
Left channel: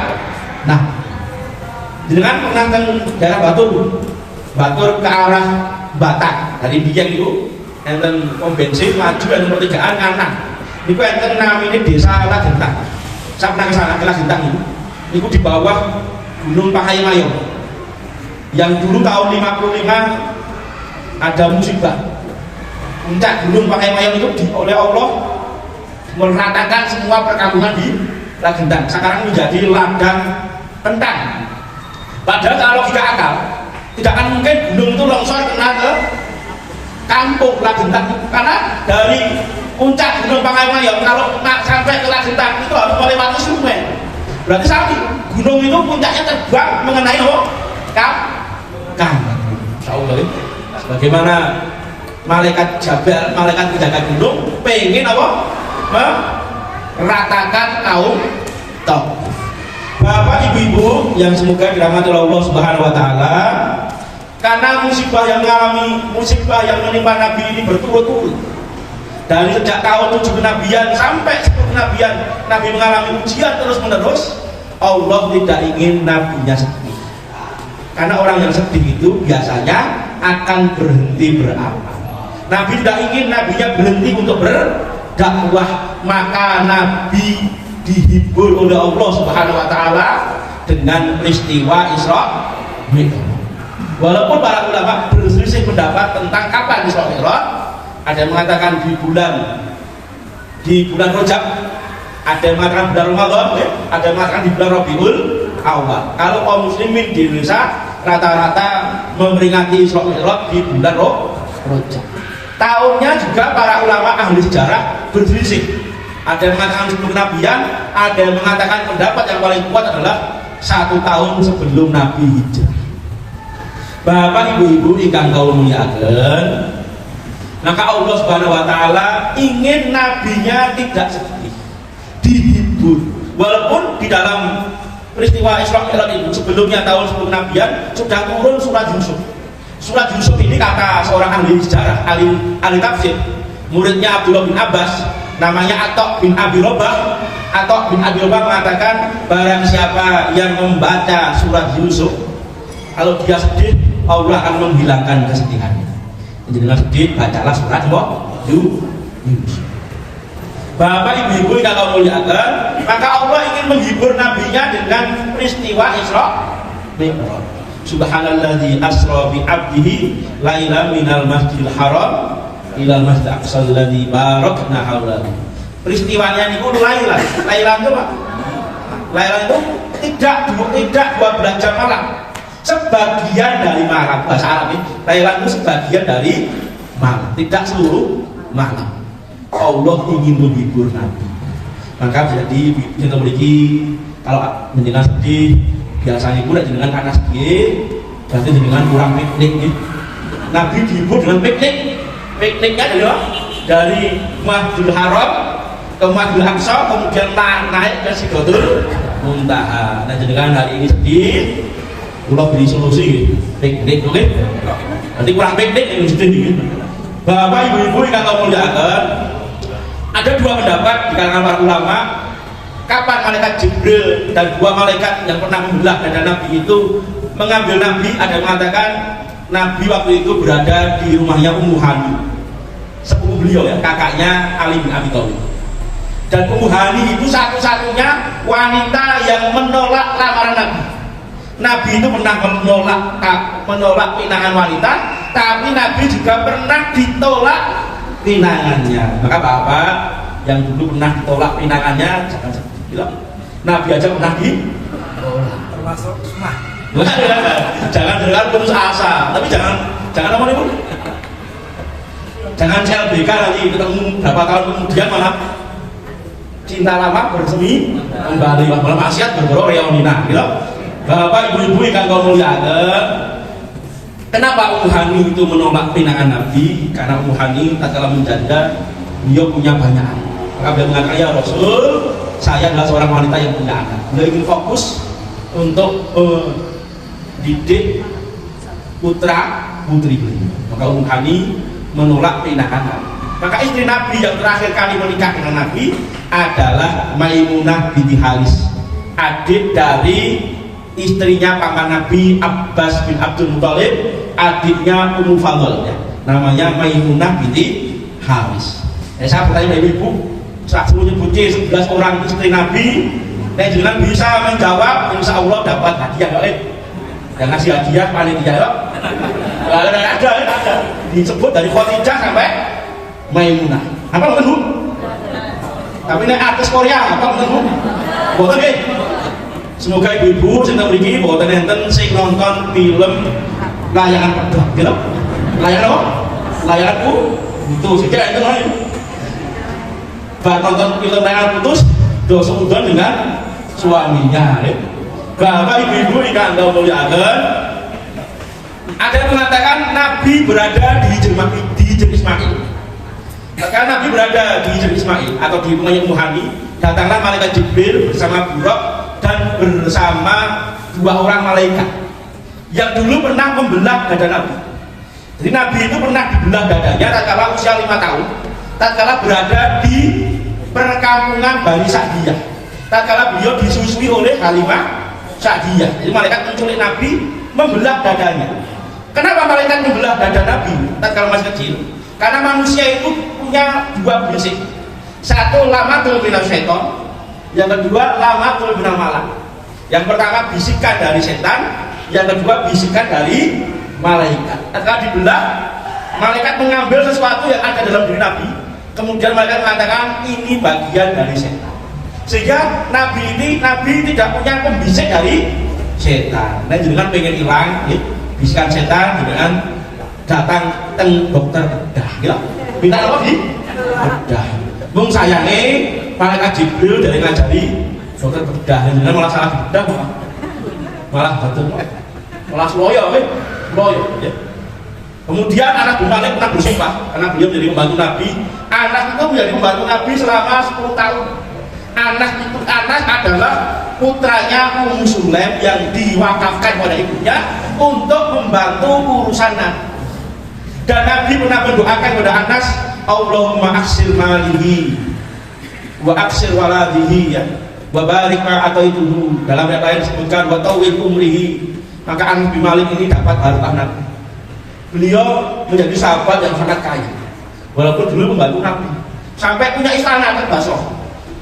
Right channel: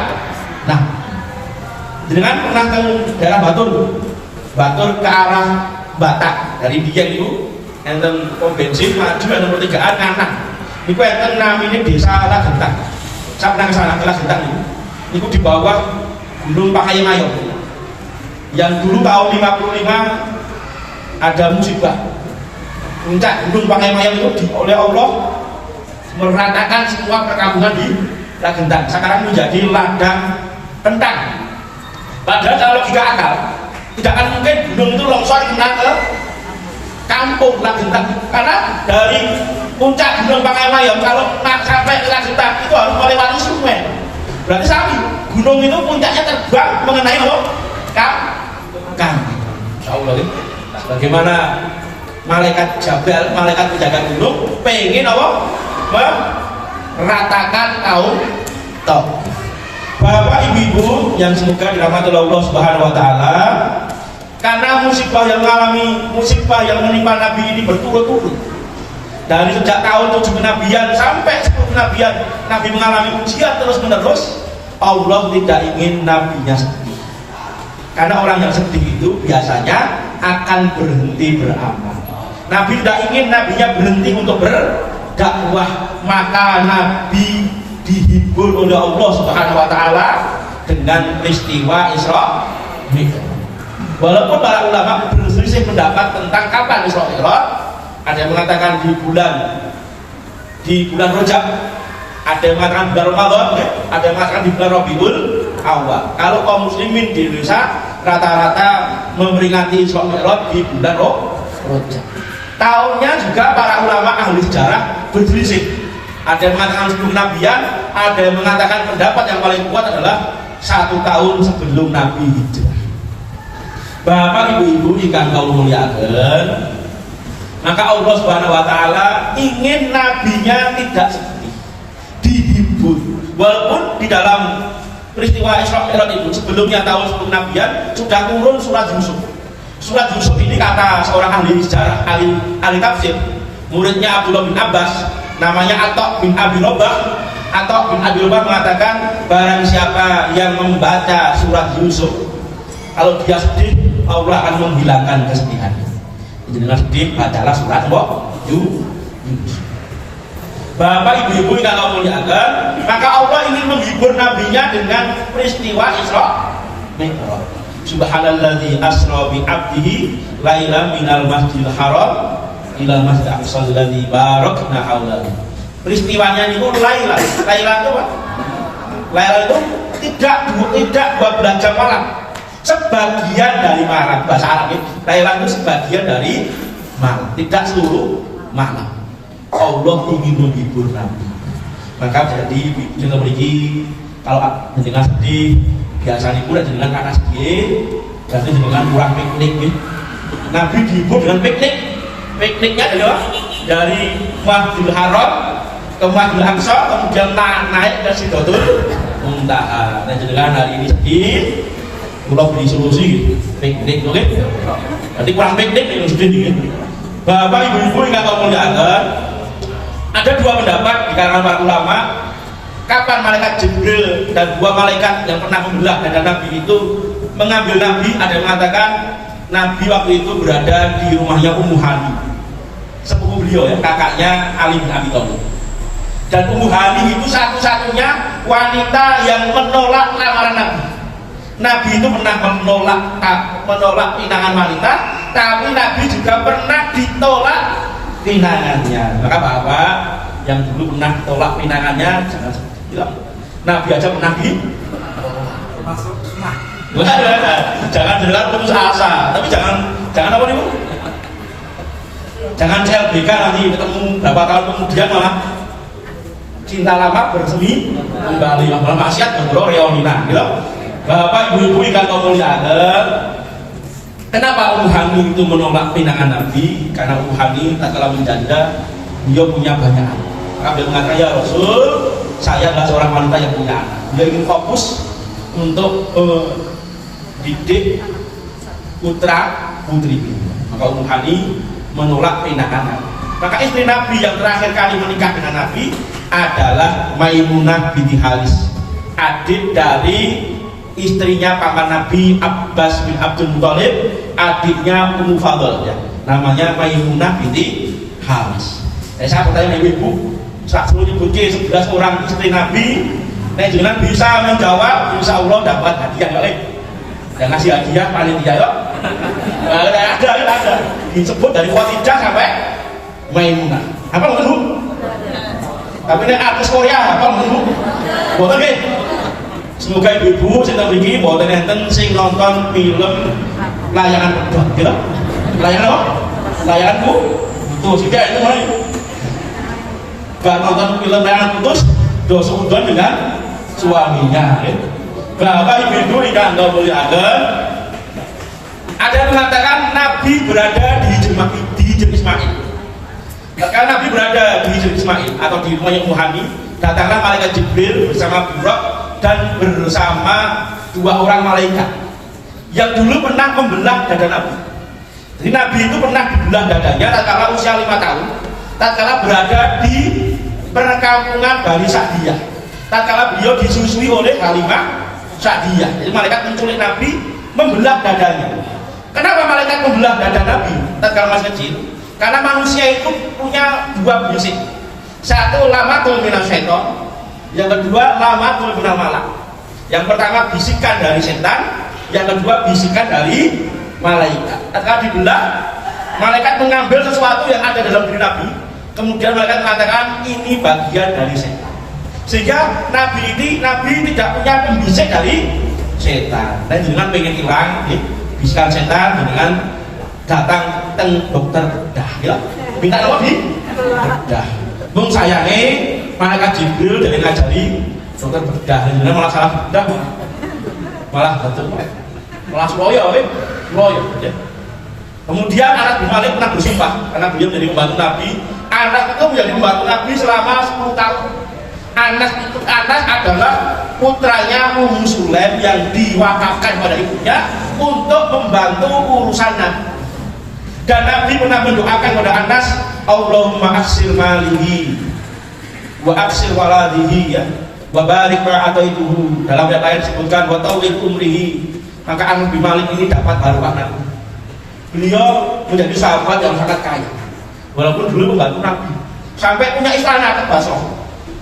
Nah, dengan pernah ke daerah Batur ke arah Batak dari Dieng itu, enten pom bensin maju dan pertigaan anak. Itu enten namanya desa Lagentang. Saya pernah ke sana ke Lagentang itu di bawah Gunung Pahayamayo. Yang dulu tahun 55 ada musibah. Puncak Gunung Pahayamayo itu oleh Allah meratakan semua perkampungan di Lagentang. Sekarang menjadi ladang kentang. Padahal kalau logika akal tidak akan mungkin gunung itu longsor kena ke kampung Lagentang, karena dari puncak Gunung Pahayamayo kalau sampai ke Lagentang itu harus melewati sungai. Berarti satu gunung itu puncaknya terbang mengenai bagaimana malaikat Jabal, malaikat penjaga gunung pengen apa? Meratakan kaum Taif. Bapak ibu-ibu yang semoga dirahmati Allah Subhanahu wa taala, karena musibah yang menimpa Nabi ini berturut-turut. Dari sejak tahun 7 kenabian sampai 10 kenabian, Nabi mengalami ujian terus-menerus. Allah tidak ingin nabinya sedih. Karena orang yang sedih itu biasanya akan berhenti beramal. Nabi tidak ingin nabinya berhenti untuk berdakwah, maka Nabi dihibur oleh Allah Subhanahu wa taala dengan peristiwa Isra Mi'raj. Walaupun para ulama berselisih pendapat tentang kapan Isra Mi'raj, ada yang mengatakan di bulan Rajab, ada yang mengatakan bulan Ramadan, ada yang mengatakan di bulan Rabiul Awal. Kalau kaum muslimin di Indonesia rata-rata memperingati Isra Mi'raj di bulan Rajab. Tahunnya juga para ulama ahli sejarah berselisih. Ada yang mengatakan sebelum kenabian, ada yang mengatakan pendapat yang paling kuat adalah 1 tahun sebelum Nabi hijrah. Bapak ibu-ibu ingkang kula mulyakaken, maka Allah Subhanahu wa taala ingin nabinya tidak sedih, dihibur. Walaupun di dalam peristiwa Isra Mi'raj itu sebelumnya tahun sebelum kenabian sudah turun surat Yusuf. Surat Yusuf ini kata seorang ahli sejarah, ahli tafsir, muridnya Abdullah bin Abbas, namanya Atok bin Abi Robah. Atok bin Abi Robah mengatakan, barang siapa yang membaca surat Yusuf, kalau dia sedih, Allah akan menghilangkan kesedihannya. Jadi dengan sedih, bacalah surat Yusuf. Bapak ibu-ibu yang kamu muliakan, maka Allah ingin menghibur nabinya dengan peristiwa Isra Mi'raj. Subhanalladzi asra bi 'abdihi lailan minal masjidil haram ilal masjidil aqsa alladzi barakna haulahu. Peristiwanya itu Lailan itu apa? Lailan itu tidak 12 jam malam, sebagian dari malam. Bahasa Arab ini Lailan itu sebagian dari malam, tidak seluruh malam. Allah ingin menghibur Nabi, maka jadi kita memiliki kalau menjelaskan sedih biasanya pun dengan karena sedih, jadi dengan kurang piknik. Nabi dihibur dengan piknik. pikniknya dari Masjidil Haram ke Masjidil Aqsa, kemudian naik ke Sidratul Muntaha. Nah, jadi kan hari ini sedih, pulau beri solusi piknik, oke? Nanti kurang piknik yang sedih. Bapak ibu-ibu yang kata muliakan, ada dua pendapat di kalangan para ulama. Kapan malaikat Jibril dan dua malaikat yang pernah membelah dada Nabi itu mengambil Nabi? Ada yang mengatakan Nabi waktu itu berada di rumahnya Ummu Hani, sepupu beliau ya, kakaknya Ali bin Abi Thalib. Dan Ummu Hani itu satu-satunya wanita yang menolak lamaran Nabi. Nabi itu pernah menolak pinangan wanita, tapi Nabi juga pernah ditolak pinangannya. Maka Bapak yang dulu pernah ditolak pinangannya jangan sedih. Nabi aja pernah masuk sunnah. Jangan putus asa, tapi jangan apa nih Bu? Jangan CLBK nanti ketemu berapa tahun kemudian malah cinta lama bersemi kembali, malah maksiat berdoro reonina, gitu. Bapak ibu-ibu yang kau muliakan, kenapa Ummu Hani itu menolak pinangan Nabi? Karena Ummu Hani tatkala menjanda, beliau punya banyak anak. Maka mengatakan, ya Rasul, saya adalah seorang wanita yang punya anak. Dia ingin fokus untuk didik putra putri. Maka Ummu Hani menolak pinangan. Maka istri Nabi yang terakhir kali menikah dengan Nabi adalah Maimunah binti Haris, adik dari istrinya paman Nabi Abbas bin Abdul Muthalib, adiknya Ummu Fadl ya. Namanya Maimunah binti Haris. Saya bertanya ibu-ibu, saat dulu nyebutnya 11 orang istri Nabi, jangan bisa menjawab, insya Allah dapat hadiah boleh. Yang ngasih hadiah panitia ya. Ada disebut dari Khadijah sampai Maimunah. Apa lu Bu? Tapi ini artis Korea apa lu Bu? Boten nggih. Semoga ibu-ibu sing tak mriki boten enten sing nonton film layangan pedhot, gitu. Layangan apa? Layangan Bu. Tuh sithik itu lho. Bar nonton film layangan putus, do seudon dengan suaminya. Bapak ibu-ibu ingkang muliakan, ada yang mengatakan Nabi berada di Hijr Ismail. Karena Nabi berada di Hijr Ismail atau di rumahnya Ummu Hani, datanglah malaikat Jibril bersama Buraq dan bersama dua orang malaikat yang dulu pernah membelah dada Nabi. Jadi Nabi itu pernah dibelah dadanya tatkala usia 5 tahun, tatkala berada di perkampungan Bani Sa'diyah, tatkala beliau disusui oleh Halimah Sa'diyah. Jadi malaikat menculik Nabi, membelah dadanya. Kenapa malaikat membelah dada Nabi tatkala masih kecil? Karena manusia itu punya dua prinsip. Satu, lamatul minal syaiton. Yang kedua, lamatul minal malak. Yang pertama, bisikan dari setan. Yang kedua, bisikan dari malaikat. Tatkala dibelah, malaikat mengambil sesuatu yang ada dalam diri Nabi. Kemudian malaikat mengatakan ini bagian dari setan. Sehingga Nabi tidak punya pembisik dari setan. Nah, dengan pengen hilang, ya, bisikan setan dengan datang teng dokter bedah, gitu. Minta apa di bedah. Bung sayangnya malaikat Jibril dari ngajari dokter bedah, dengan malah salah bedah, malah betul, malah loyo, ya. Kemudian anak Malik pernah bersumpah karena beliau menjadi pembantu Nabi. Anak itu menjadi pembantu Nabi selama 10 tahun. Anak adalah putranya Ummu Sulaim yang diwakafkan pada ibunya untuk membantu urusan Nabi. Dan Nabi pernah mendoakan kepada Anas, Allahumma aksir malihi wa aksir waladihi, ya, wa barik ma ataituhu. Dalam ayat lain disebutkan wa tawil umrihi. Maka Anas bin Malik ini dapat barokah Nabi. Beliau menjadi sahabat yang sangat kaya, walaupun dulu membantu Nabi, sampai punya istana ke Basrah.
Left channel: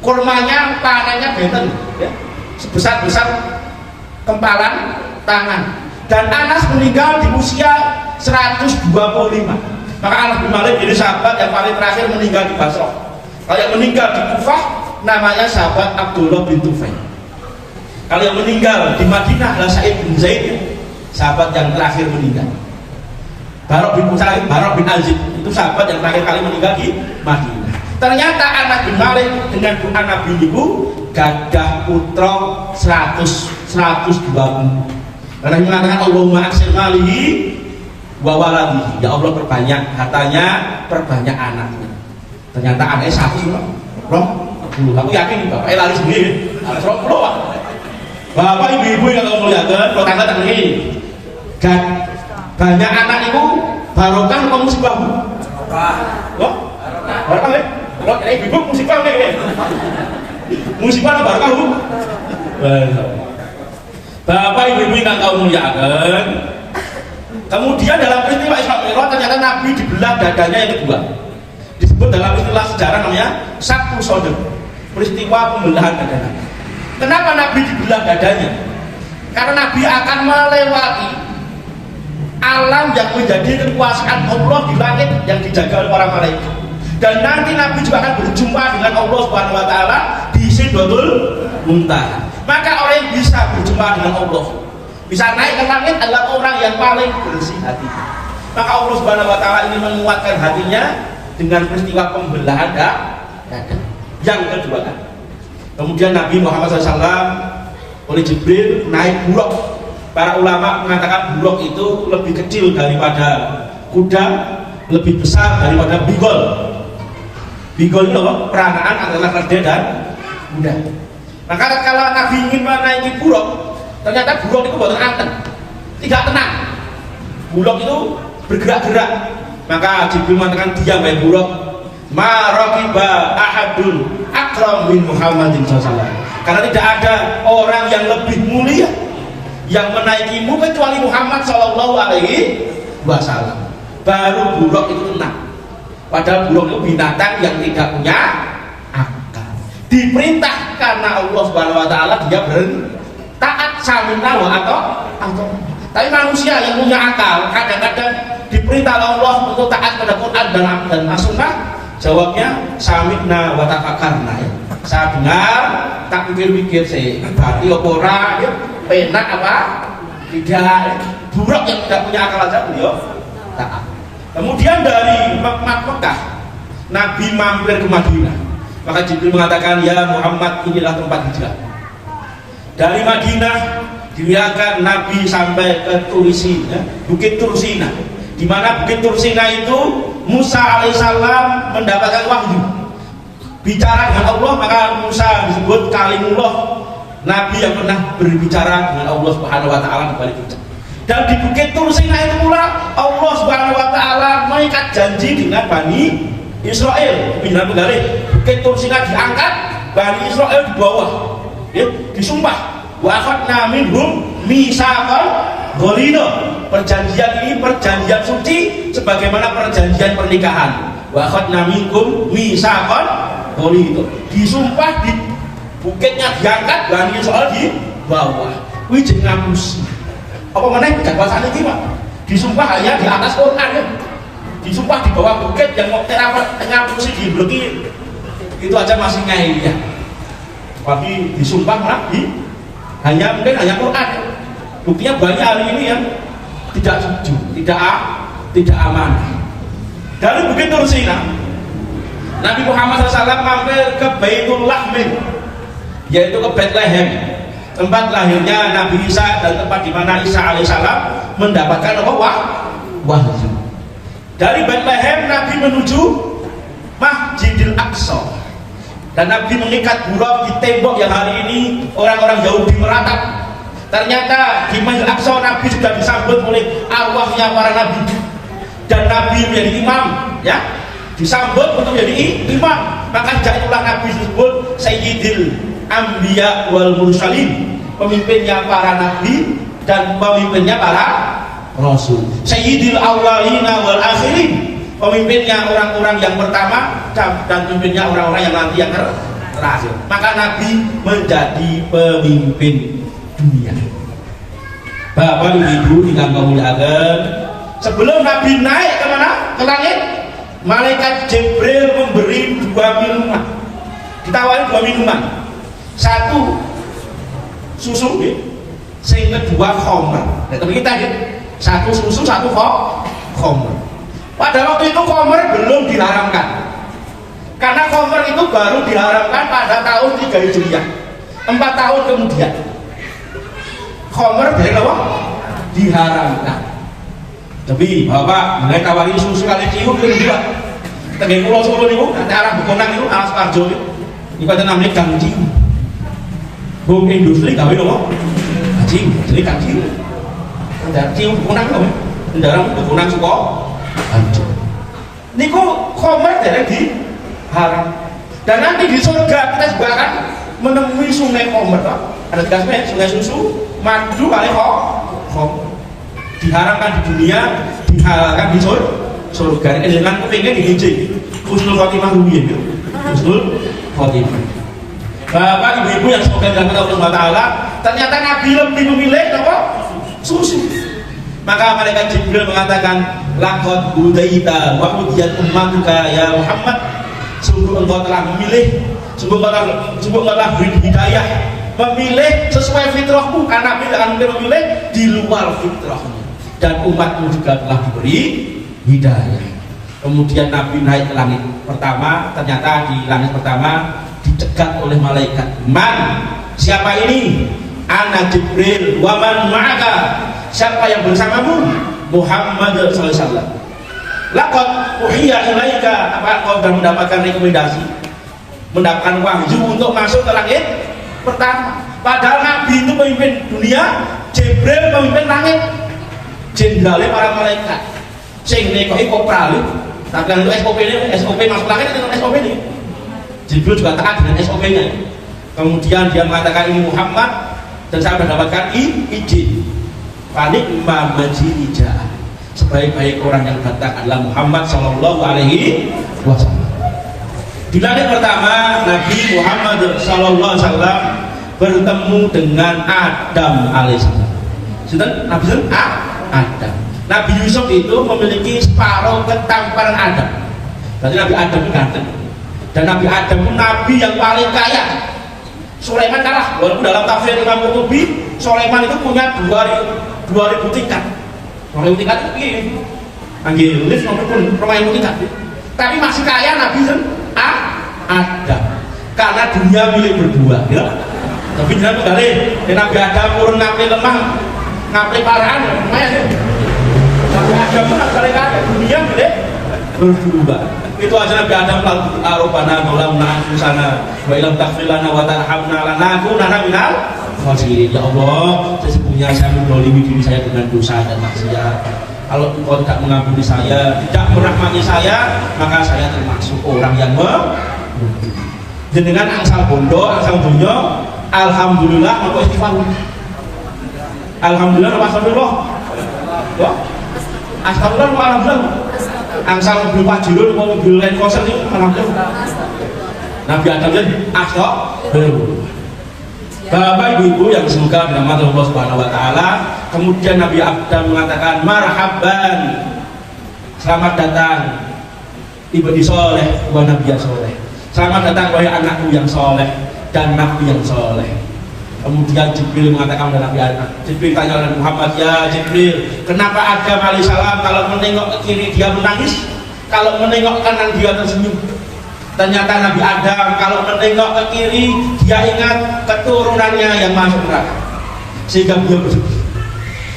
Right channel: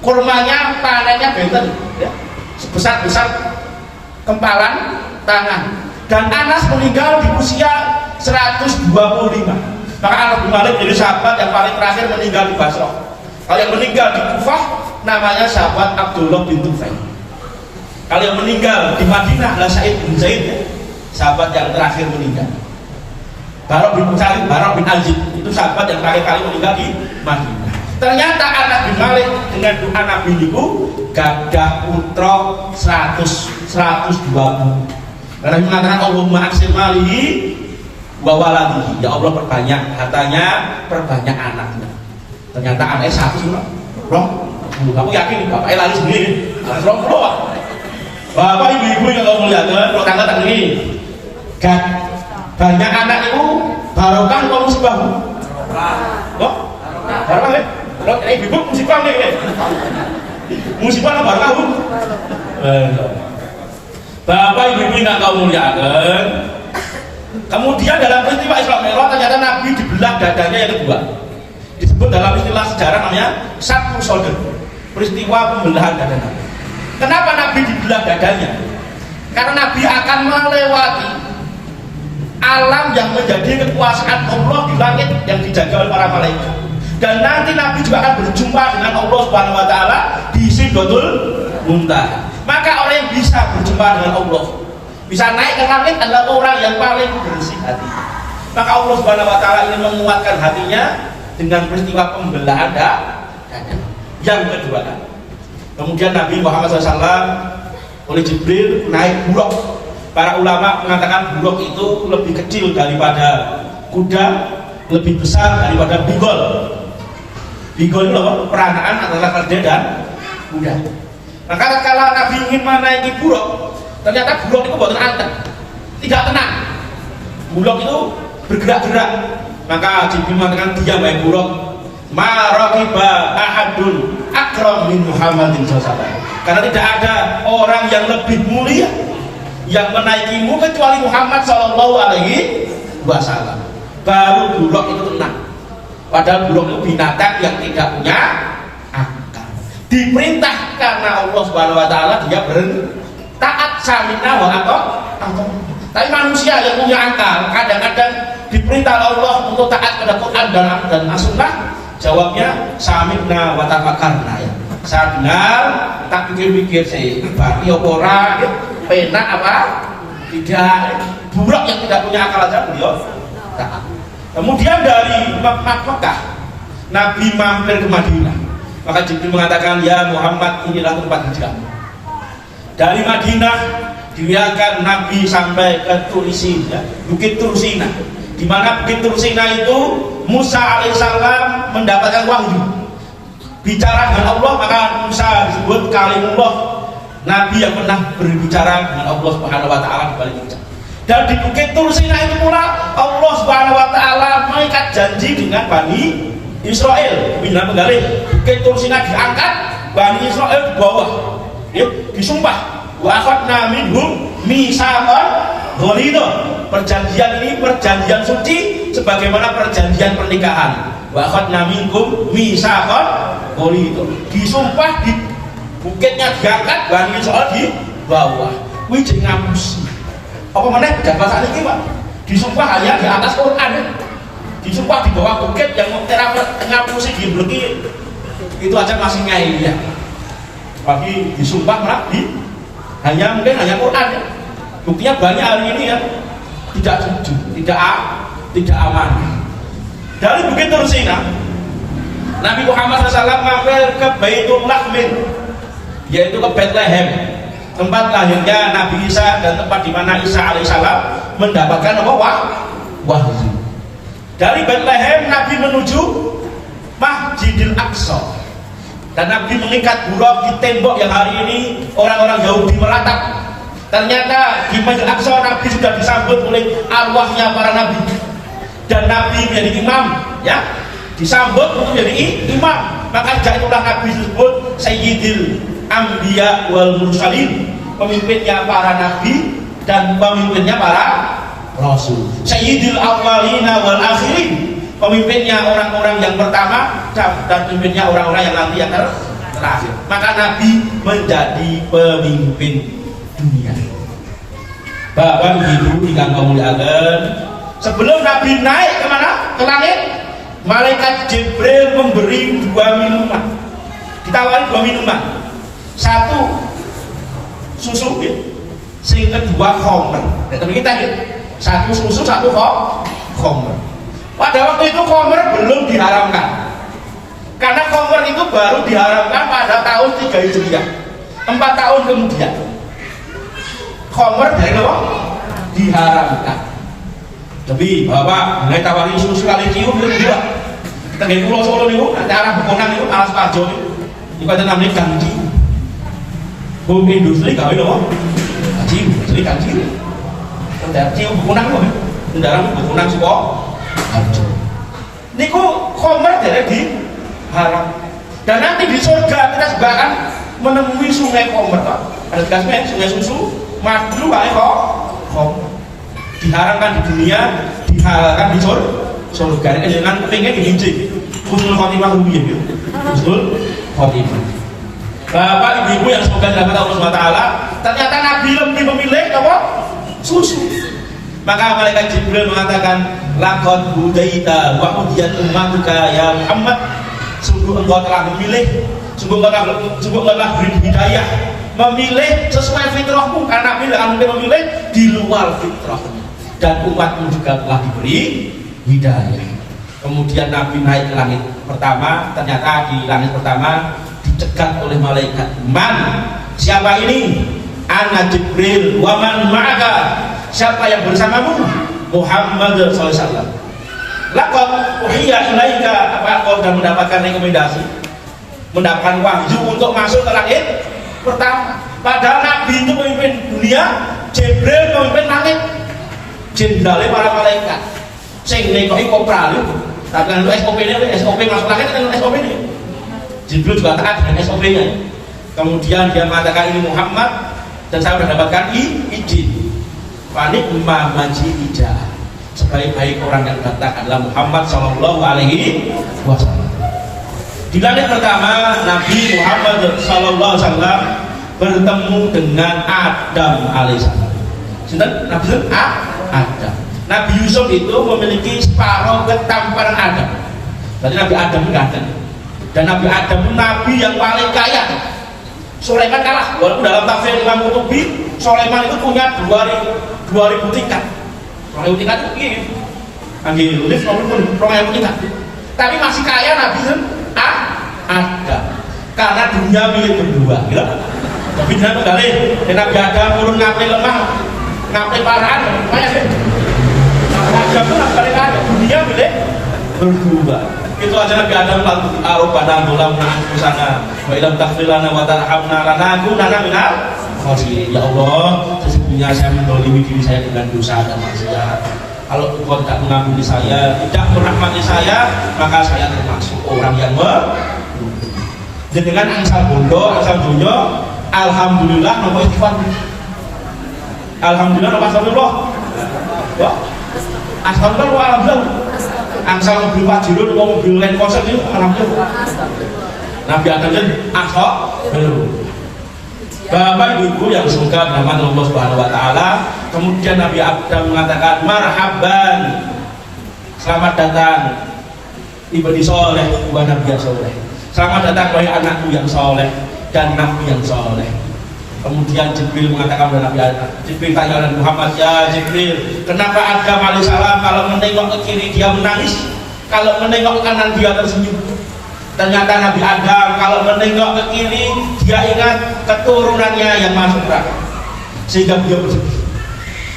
Kurmanya panennya benten, ya, sebesar kempalan tangan. Dan Anas meninggal di usia 125. Maka Anas bin Malik jadi sahabat yang paling terakhir meninggal di Basrah. Kalau yang meninggal di Kufah namanya sahabat Abdullah bin Tufail. Kalau yang meninggal di Madinah adalah Sa'id bin Zaid, ya, sahabat yang terakhir meninggal. Barok bin Azib itu sahabat yang terakhir kali meninggal di Madinah. Ternyata Anas bin Malik dengan doa Nabi itu gadah putra 120. Karena mengatakan Allahumma aksir malihi wa waladihi, ya Allah perbanyak hartanya, perbanyak anaknya. Ternyata anaknya satu, kamu yakin bapaknya lari sendiri? Serong Pak. Bapak ibu-ibu yang kamu muliakan, kalau tangga ini, banyak anak itu barokah apa musibah? Kok? Barokah ya? Kalau ibu-ibu musibah nih, musibah apa barokah? Bapak ibu-ibu yang kamu muliakan. Kemudian dalam peristiwa Isra Mi'raj ternyata Nabi dibelah dadanya yang kedua. Disebut dalam istilah sejarah namanya satu sodem, peristiwa pembelahan dada Nabi. Kenapa Nabi dibelah dadanya? Karena Nabi akan melewati alam yang menjadi kekuasaan Allah di langit yang dijaga oleh para malaikat. Dan nanti Nabi juga akan berjumpa dengan Allah Subhanahu wa taala di Sidratul Muntaha. Maka orang yang bisa berjumpa dengan Allah, bisa naik ke langit adalah orang yang paling bersih hati. Maka Allah Subhanahu wa taala ingin menguatkan hatinya dengan peristiwa pembelahan dada yang kedua kali. Kemudian Nabi Muhammad SAW oleh Jibril naik buruk. Para ulama mengatakan buruk itu lebih kecil daripada kuda, lebih besar daripada bigol. Bigol itu apa? Peranaan antara keledai dan kuda. Maka kalau Nabi ingin menaiki buruk, ternyata buruk itu buatan anteng, tidak tenang. Buruk itu bergerak-gerak. Maka Jibril mengatakan diam ya buruk. Ma raqiba ahadun akram min Muhammadin sallallahu. Karena tidak ada orang yang lebih mulia yang menaikimu kecuali Muhammad sallallahu alaihi wasallam. Baru buruk itu tenang. Padahal buruk itu binatang yang tidak punya akal. Diperintah karena Allah Subhanahu wa taala dia taat samina wa atau. Tapi manusia yang punya akal kadang-kadang diperintah Allah untuk taat pada Quran dan As-Sunnah, jawabnya samina wa tafakarna. Saya dengar, tak pikir-pikir saya berarti ora penak apa? Tidak. Buruk yang tidak punya akal aja beliau taat. Kemudian dari Mekah Nabi mampir ke Madinah. Maka Jibril mengatakan, ya Muhammad, inilah tempat hijrah. Dari Madinah dilihatkan Nabi sampai ke Turisina, Bukit Tursina. Di mana Bukit Tursina itu Musa alaihissalam mendapatkan wahyu. Bicara dengan Allah, maka Musa disebut kalimullah, Nabi yang pernah berbicara dengan Allah Subhanahu wa taala kembali ke. Dan di Bukit Tursina itu pula Allah Subhanahu wa taala mengikat janji dengan Bani Israel. Bila menggali Bukit Tursina diangkat, Bani Israel di bawah. Ya, disumpah wa akhadna minhum mitsaqan ghalidha. Perjanjian ini perjanjian suci sebagaimana perjanjian pernikahan. Wa akhadna minhum mitsaqan ghalidha. Disumpah di bukitnya diangkat, Bani Israel di bawah. Kuwi jeneng ngapus. Apa meneh bahasa iki, Pak? Disumpah hanya di atas Quran ya. Disumpah di bawah bukit yang mau tengah musik dibleki. Itu aja masih ngayal ya. Tapi disumpah malah hanya Quran ya. Buktinya banyak hari ini ya tidak jujur, tidak aman. Dari Bukit Tursina Nabi Muhammad SAW mampir ke Baitul Lahmin, yaitu ke Bethlehem, tempat lahirnya Nabi Isa dan tempat di mana Isa alaihissalam mendapatkan wahyu. Dari Bethlehem Nabi menuju Masjidil Aqsa. Dan Nabi mengikat buruk di tembok yang hari ini orang-orang Yahudi meratap. Ternyata di Masjidil Aqsa Nabi sudah disambut oleh arwahnya para nabi. Dan Nabi menjadi imam, ya, disambut untuk menjadi imam. Maka sejak itulah Nabi disebut Sayyidil Anbiya wal Mursalin, pemimpinnya para nabi dan pemimpinnya para rasul. Sayyidil Awwalina wal Akhirin, pemimpinnya orang-orang yang pertama dan pemimpinnya orang-orang yang nanti yang terakhir. Maka Nabi menjadi pemimpin dunia. Bapak Ibu ingkang kamuliaken, sebelum Nabi naik ke mana? Ke langit, malaikat Jibril memberi 2 minuman. Ditawari 2 minuman. Satu susu, sing kedua khamr. Nah, tapi kita satu susu, satu khamr. Pada waktu itu khamr belum diharamkan. Karena khamr itu baru diharamkan pada tahun 3 Hijriah. 4 tahun kemudian khamr dari apa? Diharamkan. Tapi bapak mulai tawari susu kali cium berdua. Tengah pulau Solo nih bu, daerah Bekonang itu Alas Parjo ini ada namanya Gang Ciu. Bom industri gawe loh, Ciu, jadi Gang Ciu. Dan Ciu Bekonang loh, daerah Bekonang Suko, Parjo. Niku komer dari di haram. Dan nanti di surga kita juga akan menemui sungai komer, pak. Ada tiga sungai susu, madu, kayak kok. Diharamkan di dunia, dihalalkan di surga. Ini dengan kepingin dihincing. Husnul khotimah rubiah gitu. Husnul khotimah. Bapak ibu-ibu yang semoga dirahmati Allah Subhanahu wa taala, ternyata Nabi lebih memilih apa? Susu. Maka malaikat Jibril mengatakan, laqad hudaita wa hudiyat ummatuka ya Muhammad. Sungguh engkau telah memilih, sungguh engkau telah beri hidayah, memilih sesuai fitrahmu, karena Nabi akan memilih di luar fitrahnya. Dan umatmu juga telah diberi hidayah. Kemudian Nabi naik ke langit pertama, ternyata di langit pertama dicegat oleh malaikat. Man, siapa ini? Ana Jibril, wa man ma'aka? Siapa yang bersamamu? Muhammad sallallahu alaihi wasallam. Laqad uhiya ilaika, apa kau sudah mendapatkan rekomendasi? Mendapatkan wahyu untuk masuk ke langit pertama. Padahal Nabi itu pemimpin dunia, Jibril pemimpin langit. Jenderalnya para malaikat. Sing nekoki kopral. Tapi kan itu SOP masuk langit dengan SOP ini. Jibril juga taat dengan SOP-nya. Kemudian dia mengatakan ini Muhammad dan saya sudah dapatkan izin. Panik mamajirija. Sebaik-baik orang yang datang adalah Muhammad sallallahu alaihi wasallam. Di langit pertama Nabi Muhammad sallallahu alaihi wasallam bertemu dengan Adam alaihissalam. Sudah Nabi Adam. Nabi Yusuf itu memiliki separuh ketampanan Adam. Berarti Nabi Adam ganteng. Dan Nabi Adam itu Nabi yang paling kaya. Sulaiman kalah. Walaupun dalam tafsir Imam Qurtubi, Sulaiman itu punya 2000 tingkat. 2000 tingkat itu begini. Panggil lift maupun 2000 tingkat. Tapi masih kaya Nabi Adam. Karena dunia milik berdua. Gitu? Tapi jangan kembali. Nabi Adam urun ngapain lemah, ngapain parahan, lumayan sih. Adam itu kali-kali dunia milik berdua. Itu aja Nabi Adam lalu arubana gulam na'usana wa ilam takfilana wa tarhamna lanakunana minal khosirin. Ya Allah, sesungguhnya saya mendolimi diri saya dengan dosa dan maksiat. Kalau Engkau tidak mengampuni saya, tidak merahmati saya, maka saya termasuk orang yang dengan angsal bondo, angsal dunia. Alhamdulillah, nopo istighfar. Alhamdulillah, nopo astagfirullah. Ya. Astagfirullah, alhamdulillah. Angsal mobil Pajero, mobil Land Cruiser itu alhamdulillah. Nabi Adam itu astagfirullah. Bapak ibu-ibu yang semoga dirahmati Allah Subhanahu wa taala. Kemudian Nabi Adam mengatakan marhaban. Selamat datang tiba di soleh, wa nabi yang soleh. Selamat datang wahai anakku yang soleh dan nabi yang soleh. Kemudian Jibril mengatakan kepada Nabi Adam. Jibril tanya oleh Muhammad, ya Jibril, kenapa Adam alaihissalam kalau menengok ke kiri dia menangis, kalau menengok ke kanan dia tersenyum? Ternyata Nabi Adam kalau menengok ke kiri dia ingat keturunannya yang masuk neraka, sehingga beliau bersedih.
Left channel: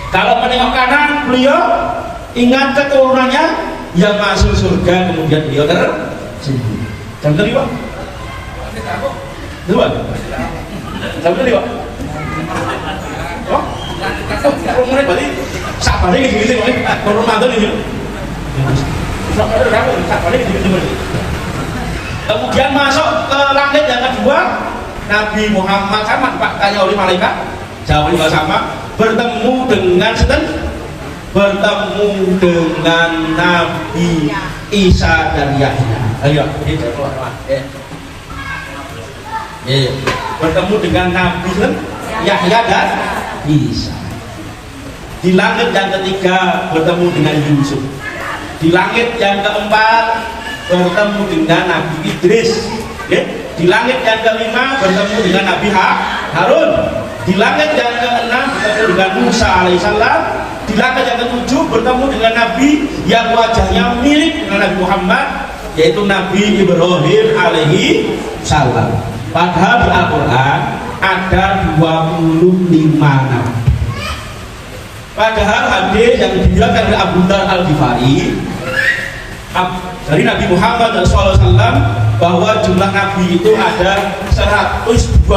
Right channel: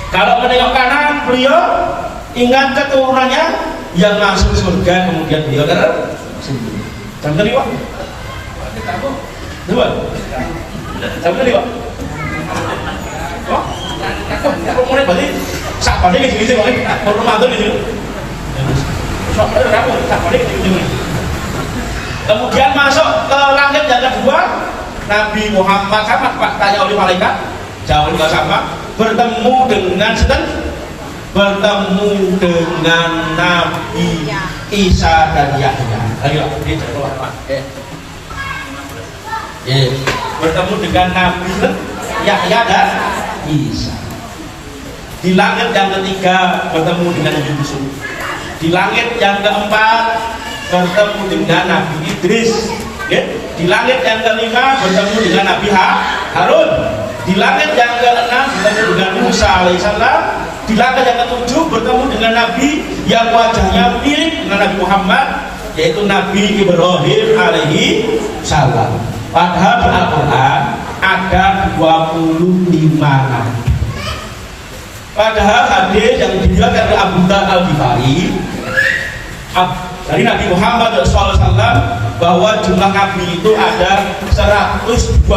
Kalau menengok kanan beliau ingat keturunannya yang masuk surga, kemudian beliau tersenyum. Dan terima. Dua. Tapi ini Pak. Wah. Kok mulai berarti sabarnya gitu-gitu Pak. Mau mantul di sini. Sabarnya gitu-gitu. Kemudian masuk ke langit yang kedua, Nabi Muhammad sama Pak tanya oleh malaikat, jawab juga sama, bertemu dengan Nabi Isa dan Yahya. Ayo, ini keluar Pak. Bertemu dengan Nabi Yahya dan Isa. Di langit yang ketiga bertemu dengan Yusuf. Di langit yang keempat bertemu dengan Nabi Idris. Di langit yang kelima bertemu dengan Nabi Harun. Di langit yang keenam bertemu dengan Musa alaihissalam. Di langit yang ketujuh bertemu dengan Nabi yang wajahnya mirip dengan Nabi Muhammad, yaitu Nabi Ibrahim alaihi salam. Padahal di Al-Quran ada 25 nabi. Padahal hadis yang diriwayatkan oleh Abu Dzar Al-Ghifari dari Nabi Muhammad SAW bahwa jumlah Nabi itu ada 120.000,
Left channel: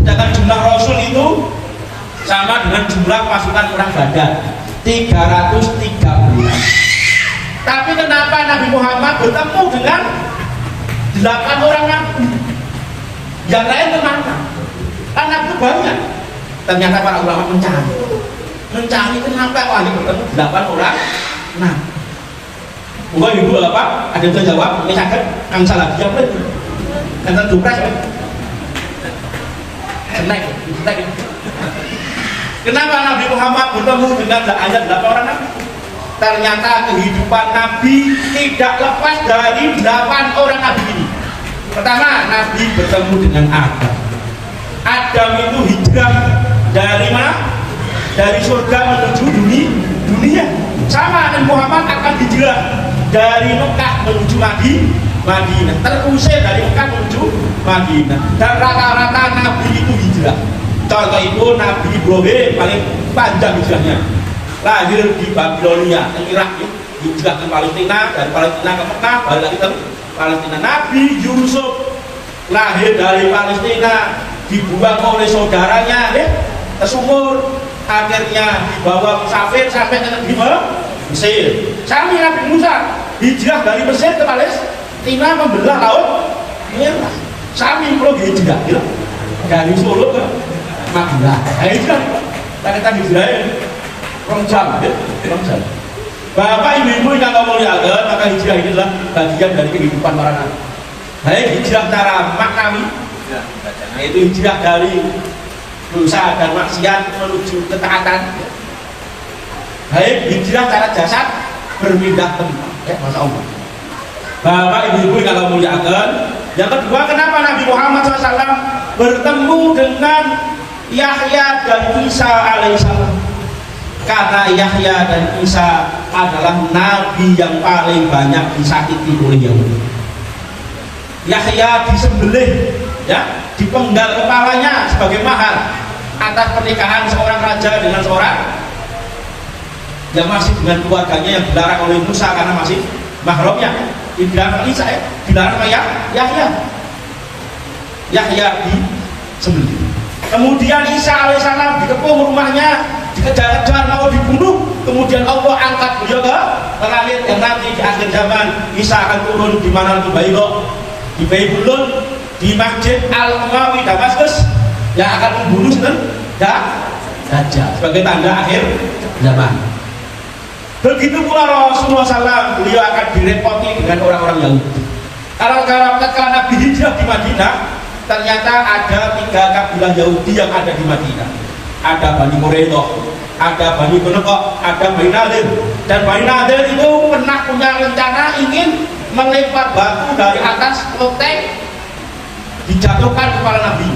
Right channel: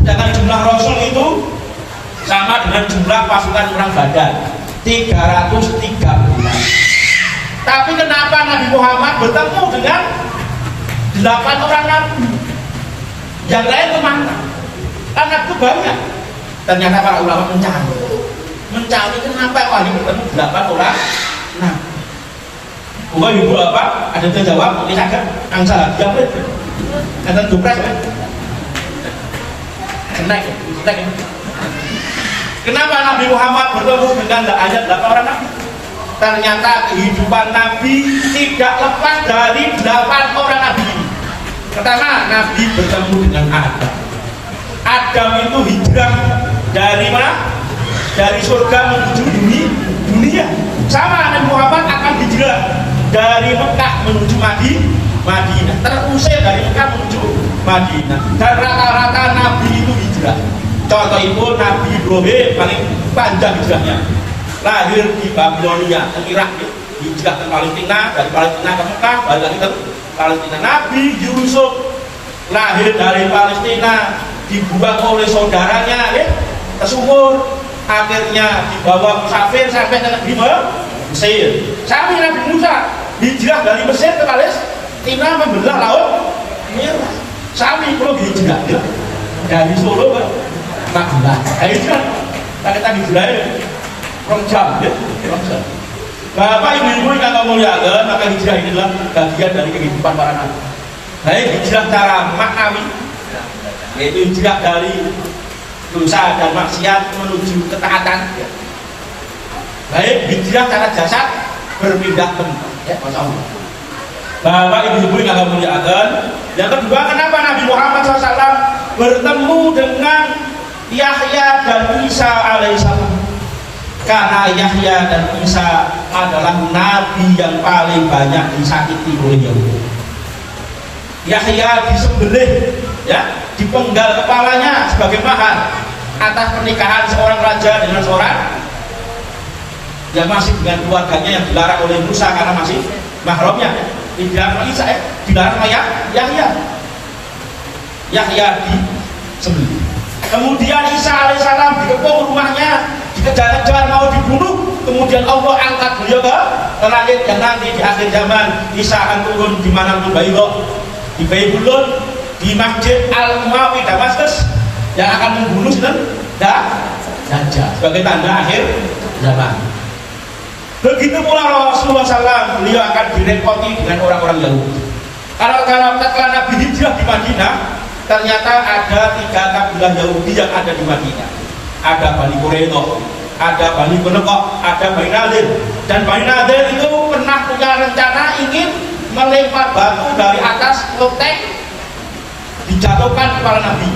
sedangkan jumlah Rasul itu sama dengan jumlah pasukan perang Badar 313. Tapi kenapa Nabi Muhammad bertemu dengan 8 orang Nabi? Yang lain kemana? Kan Nabi banyak. Ternyata para ulama mencari kenapa kok hanya bertemu 8 orang. Nah, bukan ibu apa? Ada yang jawab, ini sakit, angsa lagi apa itu? Angsa dupres kan? Snack. Kenapa Nabi Muhammad bertemu dengan ayat 8 orang Nabi? Ternyata kehidupan Nabi tidak lepas dari 8 orang Nabi ini. Pertama, Nabi bertemu dengan Adam. Adam itu hijrah dari mana? Dari surga menuju dunia. Sama Nabi Muhammad akan hijrah dari Mekah menuju Madinah. Terusir dari Mekah menuju Madinah. Dan rata-rata Nabi itu hijrah. Contoh itu Nabi Ibrahim paling panjang hijrahnya. Lahir di Babilonia, Irak, hijrah ke Palestina, dari Palestina ke Mekah, balik lagi ke Palestina. Nabi Yusuf lahir dari Palestina, dibuang oleh saudaranya ke sumur, akhirnya dibawa musafir sampai ke negeri Mesir. Sami Nabi Musa hijrah dari Mesir ke Palestina membelah Laut Merah. Sami belum hijrah dari Solo ke Madinah. Tadi hijrah jam. Bapak ibu-ibu yang ngomong ya, maka hijrah ini adalah bagian dari kehidupan para nabi. Baik hijrah secara maknawi, yaitu hijrah dari dosa dan maksiat menuju ketaatan. Baik hijrah secara jasad, berpindah tempat, ya Masya Allah. Bapak ibu-ibu yang ngomong ya. Yang kedua, kenapa Nabi Muhammad SAW bertemu dengan Yahya dan Isa alaihissalam? Karena Yahya dan Isa adalah nabi yang paling banyak disakiti oleh Yahudi. Yahya disembelih, ya, dipenggal kepalanya sebagai mahar atas pernikahan seorang raja dengan seorang yang masih dengan keluarganya yang dilarang oleh Musa karena masih mahramnya. Dilarang Isa, dilarang Yahya. Yahya disembelih. Kemudian Isa alaihissalam dikepung rumahnya, dikejar-kejar mau dibunuh. Kemudian Allah angkat beliau ke langit, yang nanti di akhir zaman Isa akan turun di mana di Baibulun, di Masjid Al-Umawi Damaskus, yang akan membunuh Dajjal sebagai tanda akhir zaman. Begitu pula Rasulullah SAW, beliau akan direpoti dengan orang-orang Yahudi. Kalau tatkala Nabi hijrah di Madinah, ternyata ada 3 kabilah Yahudi yang ada di Madinah. Ada Bani Quraidah, ada Bani Qunayzah, ada Bani Nadir. Dan Bani Nadir itu pernah punya rencana ingin melempar batu dari atas loteng, dijatuhkan kepala Nabi.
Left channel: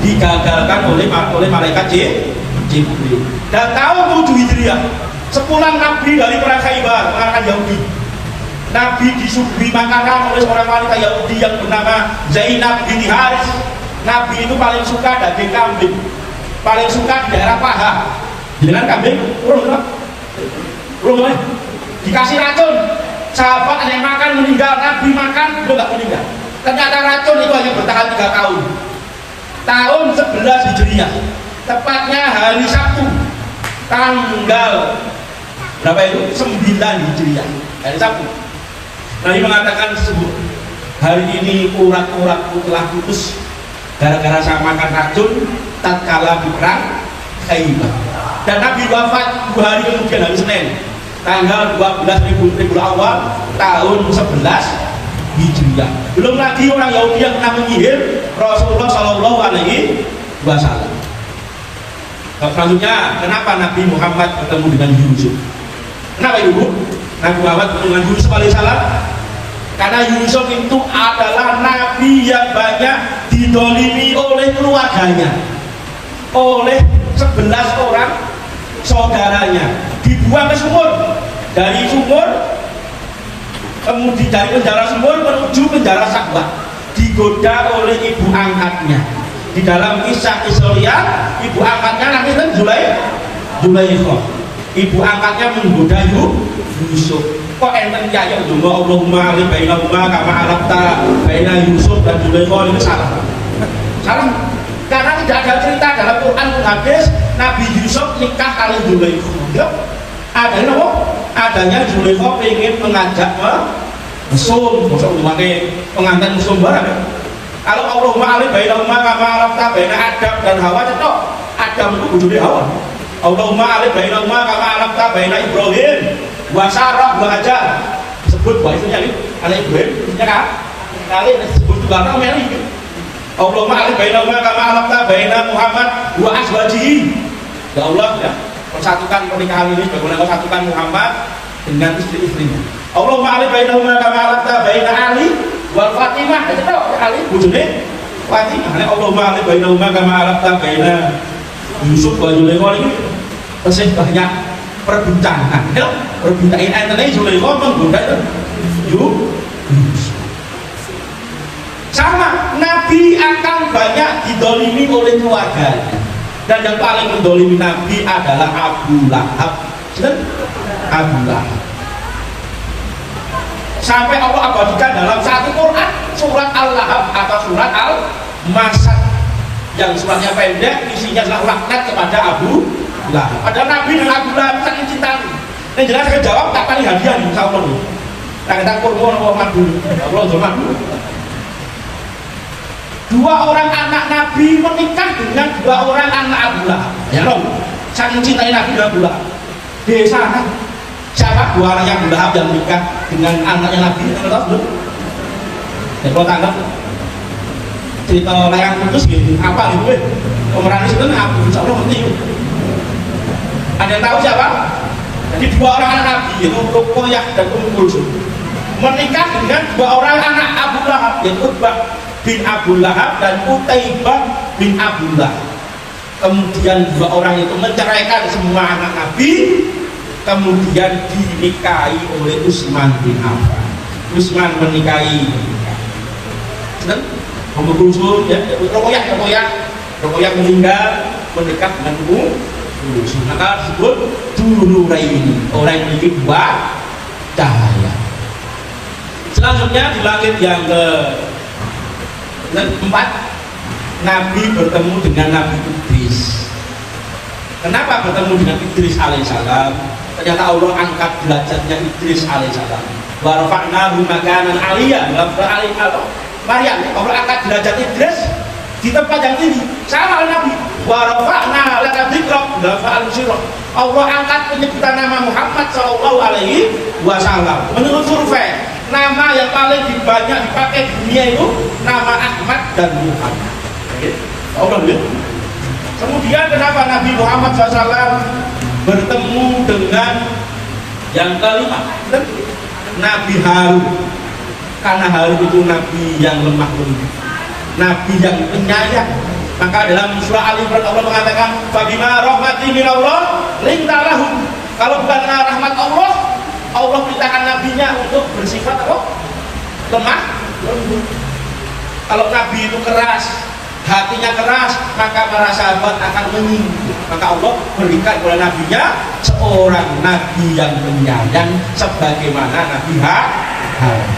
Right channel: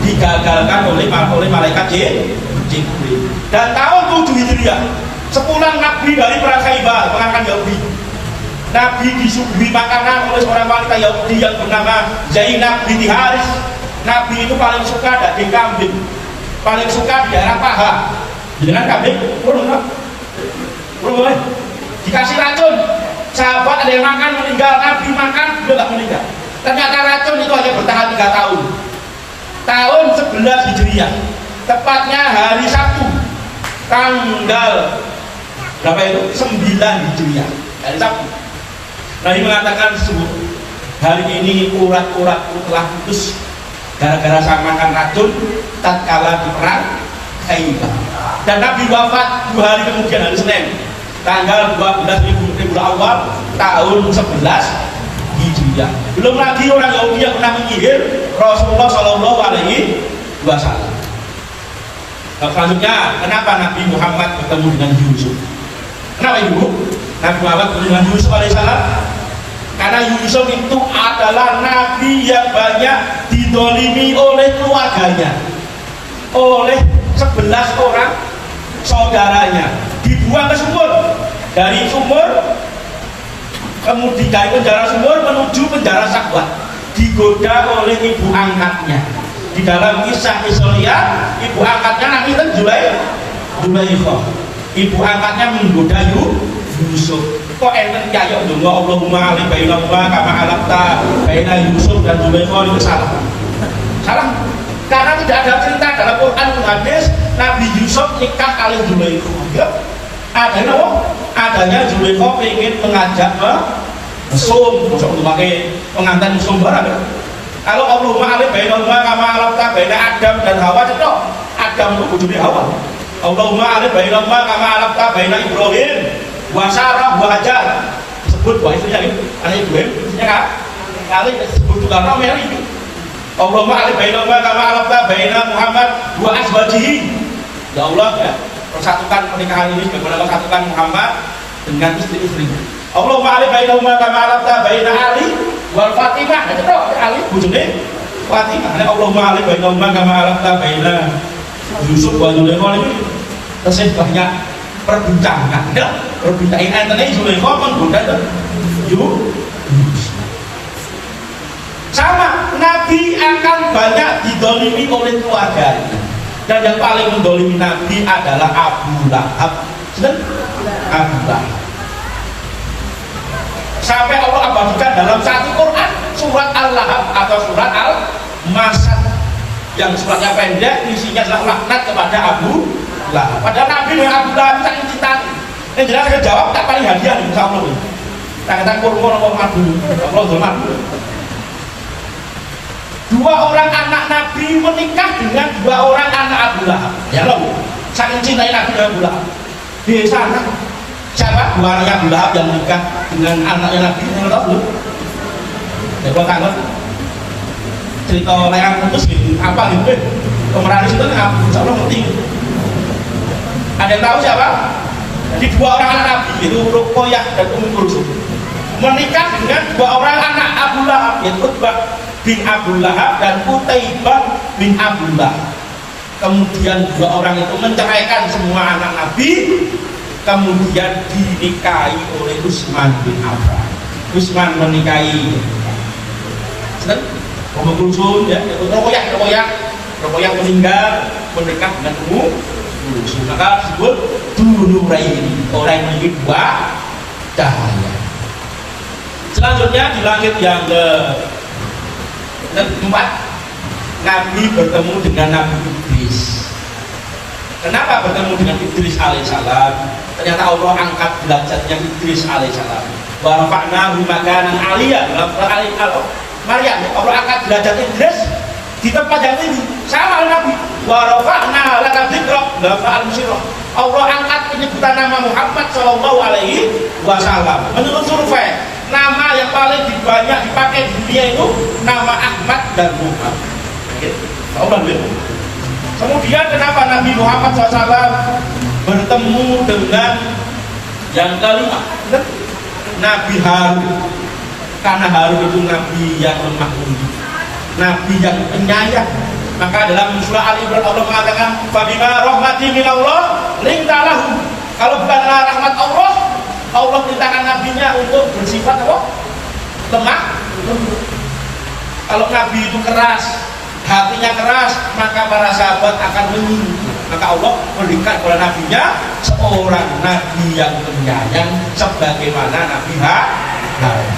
Digagalkan oleh malaikat Jibril. Dan tahun 7 Hijriah, sepulang Nabi dari perang Khaybar mengalahkan Yahudi, Nabi disuguhi makanan oleh seorang wanita Yahudi yang bernama Zainab binti Haris. Nabi itu paling suka daging kambing, paling suka di daerah paha. Dengan kambing, dikasih racun. Sahabat ada yang makan meninggal, Nabi makan dia tidak meninggal. Ternyata racun itu hanya bertahan 3 tahun. Tahun 11 Hijriah, tepatnya hari Sabtu, tanggal berapa itu? 9 Hijriah, hari Sabtu. Nabi mengatakan hari ini urat-uratku telah putus gara-gara saya makan racun tatkala di perang Khaybar. Dan Nabi wafat 2 hari kemudian, hari Senin, tanggal 12 Rabiul Awal tahun 11 Hijriah. Belum lagi orang Yahudi yang pernah menyihir Rasulullah Shallallahu Alaihi Wasallam. Selanjutnya, kenapa Nabi Muhammad bertemu dengan Yusuf? Kenapa Ibu? Nabi Muhammad bertemu dengan Yusuf alaihissalam karena Yusuf itu adalah nabi yang banyak didolimi oleh keluarganya, oleh 11 orang saudaranya. Dibuang ke sumur, dari sumur kemudian dari penjara sumur menuju penjara Sakwat, digoda oleh ibu angkatnya. Di dalam kisah Israel, ibu angkatnya namanya Zulaikha. Ibu angkatnya menggoda Yusuf. Kok enten kaya donga Allahumma ali bainahuma kama alafta baina Yusuf dan Zulaikha, itu salah. Salah. Karena tidak ada cerita dalam Quran hadis Nabi Yusuf nikah kali Zulaikha. Ya. Adanya apa? Adanya Zulaikha ingin mengajak mesum, maksudnya pengantin mesum barang ya. Kalau Allahumma ali bainahuma kama alafta baina Adam dan Hawa, cetok Adam itu bojone Hawa. Allahumma ali bainahuma kama alafta baina Ibrahim wa Sarah wa Hajar. Disebut bahwa istrinya itu anak Ibrahim, istrinya kan? Kali disebut juga nama Mary. Allahumma ali bainahuma kama alafta baina Muhammad wa azwajihi. Ya Allah, ya, persatukan pernikahan ini bagaimana persatukan Muhammad dengan istri-istrinya. Allahumma ali bainahuma kama alafta baina Ali wal Fatimah. Itu Ali bojone Fatimah. Allahumma ali bainahuma kama alafta baina Yusuf wa Zulaikha. Ini tasih banyak perbincangan ya, perbincangan antara Zulaikha menggoda itu Yusuf. Sama, Nabi akan banyak didolimi oleh keluarganya, dan yang paling mendolimi Nabi adalah Abu Lahab. Abu Lahab sampai Allah abadikan dalam satu Quran surat Al-Lahab atau surat Al-Masad, yang suratnya pendek, isinya adalah laknat kepada Abu Lahab. Padahal Nabi dan Abu Lahab saking cinta. Yang jelas saya jawab tak paling hadiah nih sama Allah. Tak kata kurma apa Nabi. Allah zaman. Dua orang anak Nabi menikah dengan dua orang anak Abu Lahab. Ya loh. Saking cintai Nabi dan Abu Lahab. Di sana siapa dua anaknya Abu Lahab yang menikah dengan anaknya Nabi? Tahu belum? Ya kalau tak tahu cerita yang terus gitu apa gitu pemeran itu apa? Insya Allah penting. Ada yang tahu siapa? Jadi dua orang anak Nabi yaitu Ruqayyah dan Ummu Kulsum menikah dengan dua orang anak Abu Lahab, yaitu Utbah bin Abu Lahab dan Utaibah bin Abu Lahab. Kemudian dua orang itu menceraikan semua anak Nabi, kemudian dinikahi oleh Utsman bin Affan. Utsman menikahi Ummu Kulsum, ya, Ruqayyah meninggal menikah dengan Ummu Kulsum. Maka disebut Dzunuraini, orang yang memiliki dua cahaya. Selanjutnya di langit yang keempat, Nabi bertemu dengan Nabi Idris. Kenapa bertemu dengan Idris alaihissalam? Ternyata Allah angkat derajatnya Idris alaihissalam. Wa rafa'nahu makanan aliyah. Dalam Maryam, Allah angkat derajat Idris di tempat yang tinggi. Sama Nabi. Wa rafa'na laka dzikrak. Dalam Al-Musyirah, Allah angkat penyebutan nama Muhammad sallallahu alaihi wasallam. Menurut survei, nama yang paling banyak dipakai di dunia itu nama Ahmad dan Muhammad. Kemudian kenapa Nabi Muhammad SAW bertemu dengan yang kelima, Nabi Harun? Karena Harun itu Nabi yang lemah lembut, Nabi yang penyayang. Maka dalam surah Ali Imran Allah mengatakan, "Fabima rahmati minallah linta lahum." Kalau bukan rahmat Allah, Allah perintahkan nabinya untuk bersifat apa? Lemah. Kalau Nabi itu keras, hatinya keras, maka para sahabat akan menyinggung. Maka Allah berikan oleh nabinya seorang nabi yang penyayang sebagaimana Nabi Harun.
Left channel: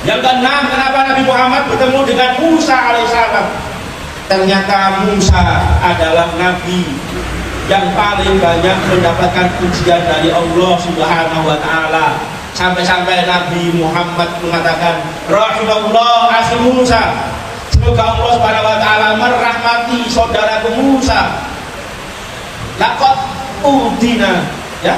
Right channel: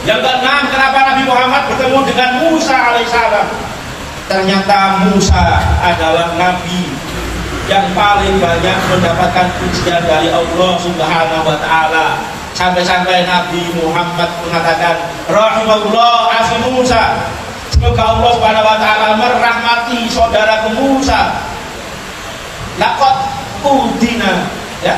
Yang keenam, kenapa Nabi Muhammad bertemu dengan Musa alaihissalam? Ternyata Musa adalah nabi yang paling banyak mendapatkan pujian dari Allah Subhanahu wa taala. Sampai-sampai Nabi Muhammad mengatakan, "Rahimallah akhi Musa." Semoga Allah Subhanahu wa taala merahmati saudaraku Musa. Laqad udina, ya.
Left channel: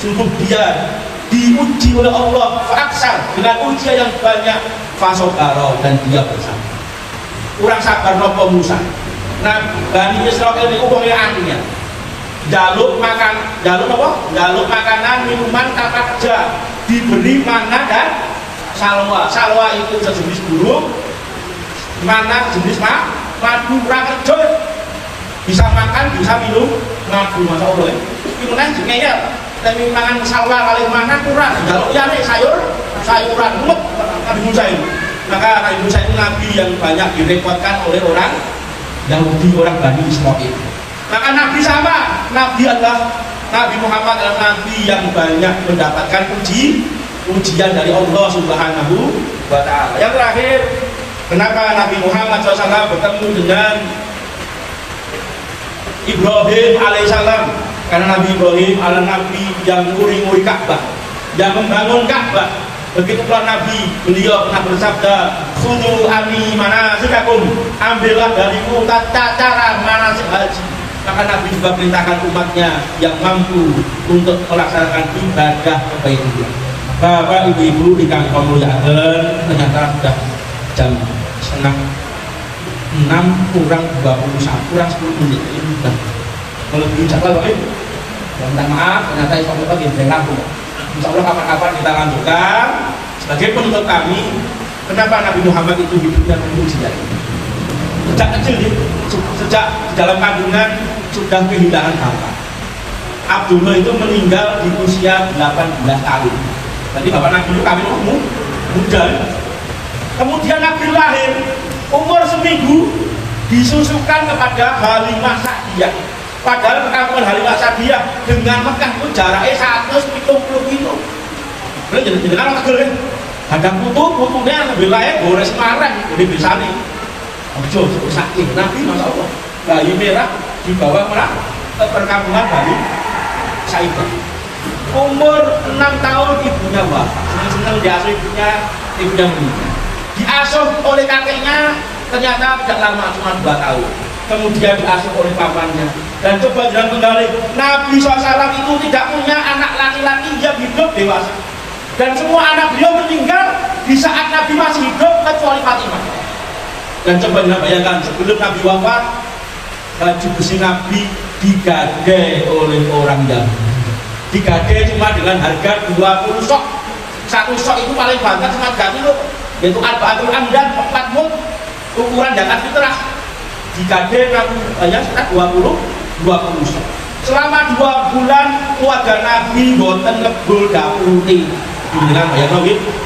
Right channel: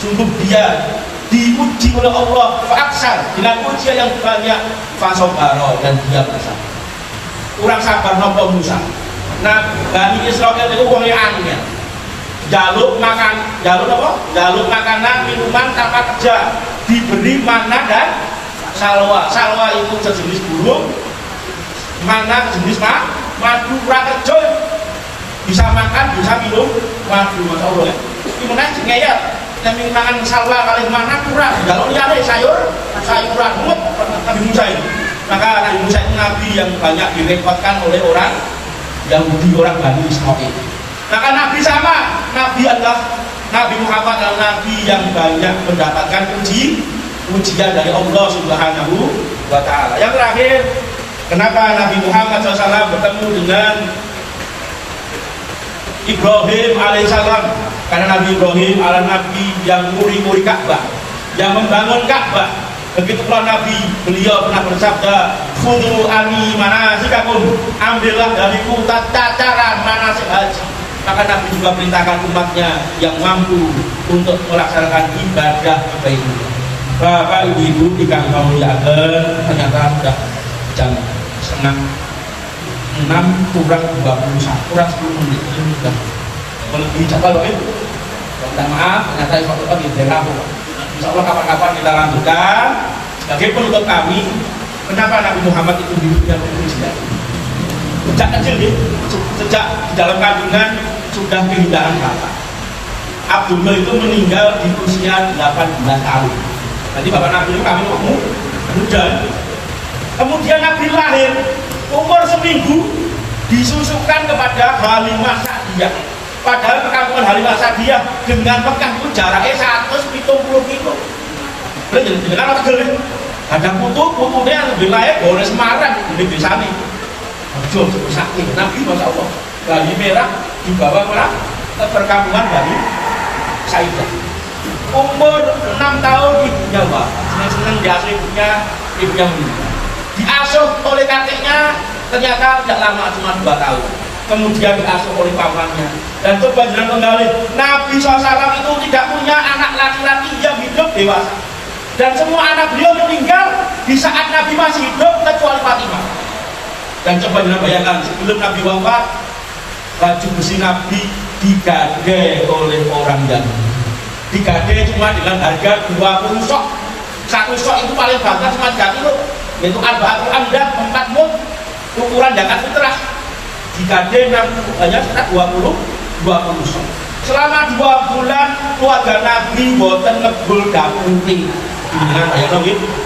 Sungguh dia diuji oleh Allah faksar dengan ujian yang banyak, fasobaro, dan dia bersabar. Kurang sabar nopo Musa. Nah, Bani Israil itu wong aneh. Jaluk makanan, minuman tanpa kerja, diberi mana dan salwa. Salwa itu sejenis burung, mana jenis madu, kerja, bisa makan, bisa minum madu. Masya Allah. Ini menang ya. Kita makan salwa kali mana kurang. Kalau dia ada sayuran mumet Nabi Musa ini. Maka Nabi Musa itu nabi yang banyak direpotkan oleh orang Yahudi, orang Bani Israil. Maka Nabi sama, Nabi Muhammad adalah Nabi yang banyak mendapatkan ujian dari Allah Subhanahu wa Ta'ala. Yang terakhir, kenapa Nabi Muhammad SAW bertemu dengan Ibrahim alaihissalam? Karena Nabi Ibrahim adalah Nabi yang nguri-nguri Ka'bah, yang membangun Ka'bah. Begitulah Nabi, beliau pernah bersabda, "Khudhu anni manasikakum," ambillah dariku tata cara manasik haji. Maka Nabi juga perintahkan umatnya yang mampu untuk melaksanakan ibadah kebaitulah. Bapak ibu dikang muliakan, ternyata sudah jam setengah 6 kurang 21, kurang 10 menit ini sudah melebihi jadwal Bapak Ibu. Minta maaf, ternyata insya Allah di tengah. Insya Allah kapan-kapan kita lanjutkan. Sebagai penutup kami, kenapa Nabi Muhammad itu hidupnya ujian? Sejak kecil nih, sejak di dalam kandungan sudah kehilangan bapak. Abdullah itu meninggal di usia 18 tahun. Berarti bapak Nabi itu kami muda. Kemudian Nabi lahir umur seminggu disusukan kepada Halimah Sa'diyah. Padahal perkampungan Halimah Sa'diyah dengan Mekah itu jaraknya 170 kilo. Belum jadi kan orang tegel. Ada putunya wilayah boleh Semarang di desa ini. Jauh sakit Nabi Masya Allah. Bali merah dibawa ke perkampungan Bali Saidah. Umur 6 tahun ibunya senang diasuh ibunya meninggal. Diasuh oleh kakeknya ternyata tidak lama, cuma 2 tahun. Kemudian diasuh oleh pamannya. Dan coba jalan kembali, Nabi SAW itu tidak punya anak laki-laki yang hidup dewasa. Dan semua anak beliau meninggal di saat Nabi masih hidup kecuali Fatimah. Dan coba jangan bayangkan, sebelum Nabi wafat, baju besi Nabi digade oleh orang Yahudi. Digade cuma dengan harga 20 sok. Satu sok itu paling banyak cuma 3 kilo, yaitu Arba'atul Amdan, 4 mud, ukuran zakat fitrah. Digade hanya sekitar 20 sok. Selama 2 bulan keluarga Nabi boten ngebul daputi. Dengan bayang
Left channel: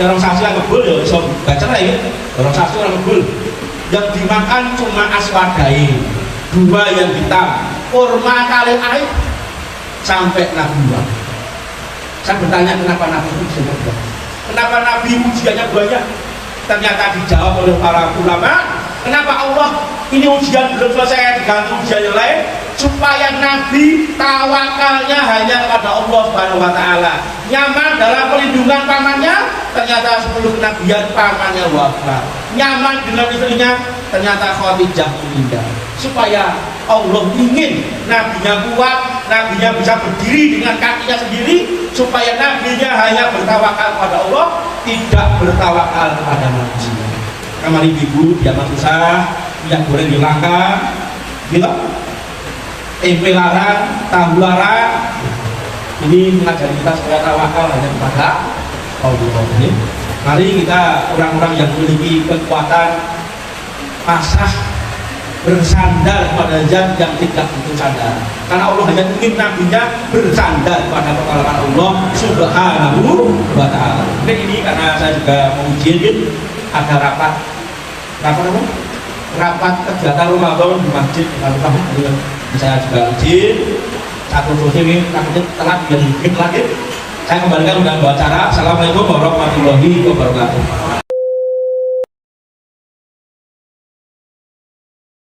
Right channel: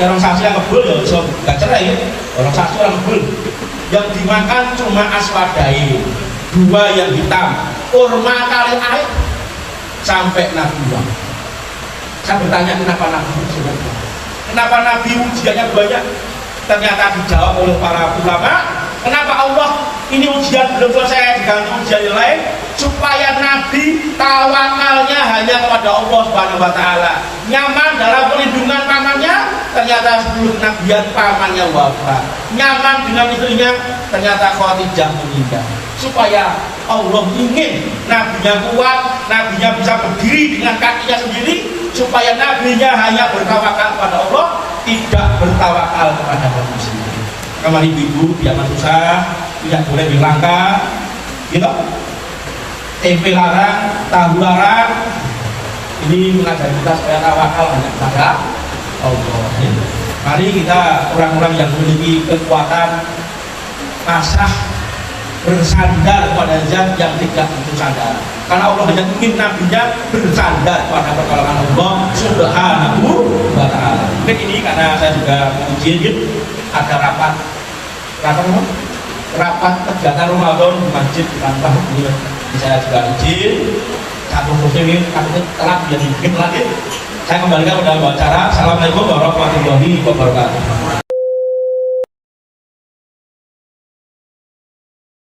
orang saksi yang ngebul ya iso gak cerai ya. Orang saksi orang ngebul. Yang dimakan cuma aswadai, 2 yang hitam, kurma kalian air sampai Nabi wafat. Saya bertanya kenapa Nabi ujiannya banyak? Kenapa Nabi ujiannya banyak? Ternyata dijawab oleh para ulama. Kenapa Allah ini ujian belum selesai diganti ujian yang lain? Supaya Nabi tawakalnya hanya kepada Allah Subhanahu wa Ta'ala. Nyaman dalam perlindungan pamannya, ternyata sebelum kenabian pamannya wafat. Nyaman dengan istrinya, ternyata Khadijah meninggal. Supaya Allah ingin nabinya kuat, nabinya bisa berdiri dengan kakinya sendiri, supaya nabinya hanya bertawakal kepada Allah, tidak bertawakal kepada manusia. Kamari ibu, biar susah, minyak goreng dilangka, gitu. Tempe larang, tahu larang. Ini mengajari kita supaya tawakal hanya kepada Allah. Mari kita orang-orang yang memiliki kekuatan pasrah bersandar pada zat yang tidak butuh sandar. Karena Allah hanya ingin nabinya bersandar pada pertolongan Allah Subhanahu wa Ta'ala. Mungkin ini karena saya juga menguji ada rapat apa? Rapat kegiatan Ramadan di masjid Mantap ini saya juga izin satu sosial ini takutnya telat jadi mungkin lagi saya kembalikan udah bawa acara. Assalamualaikum warahmatullahi wabarakatuh.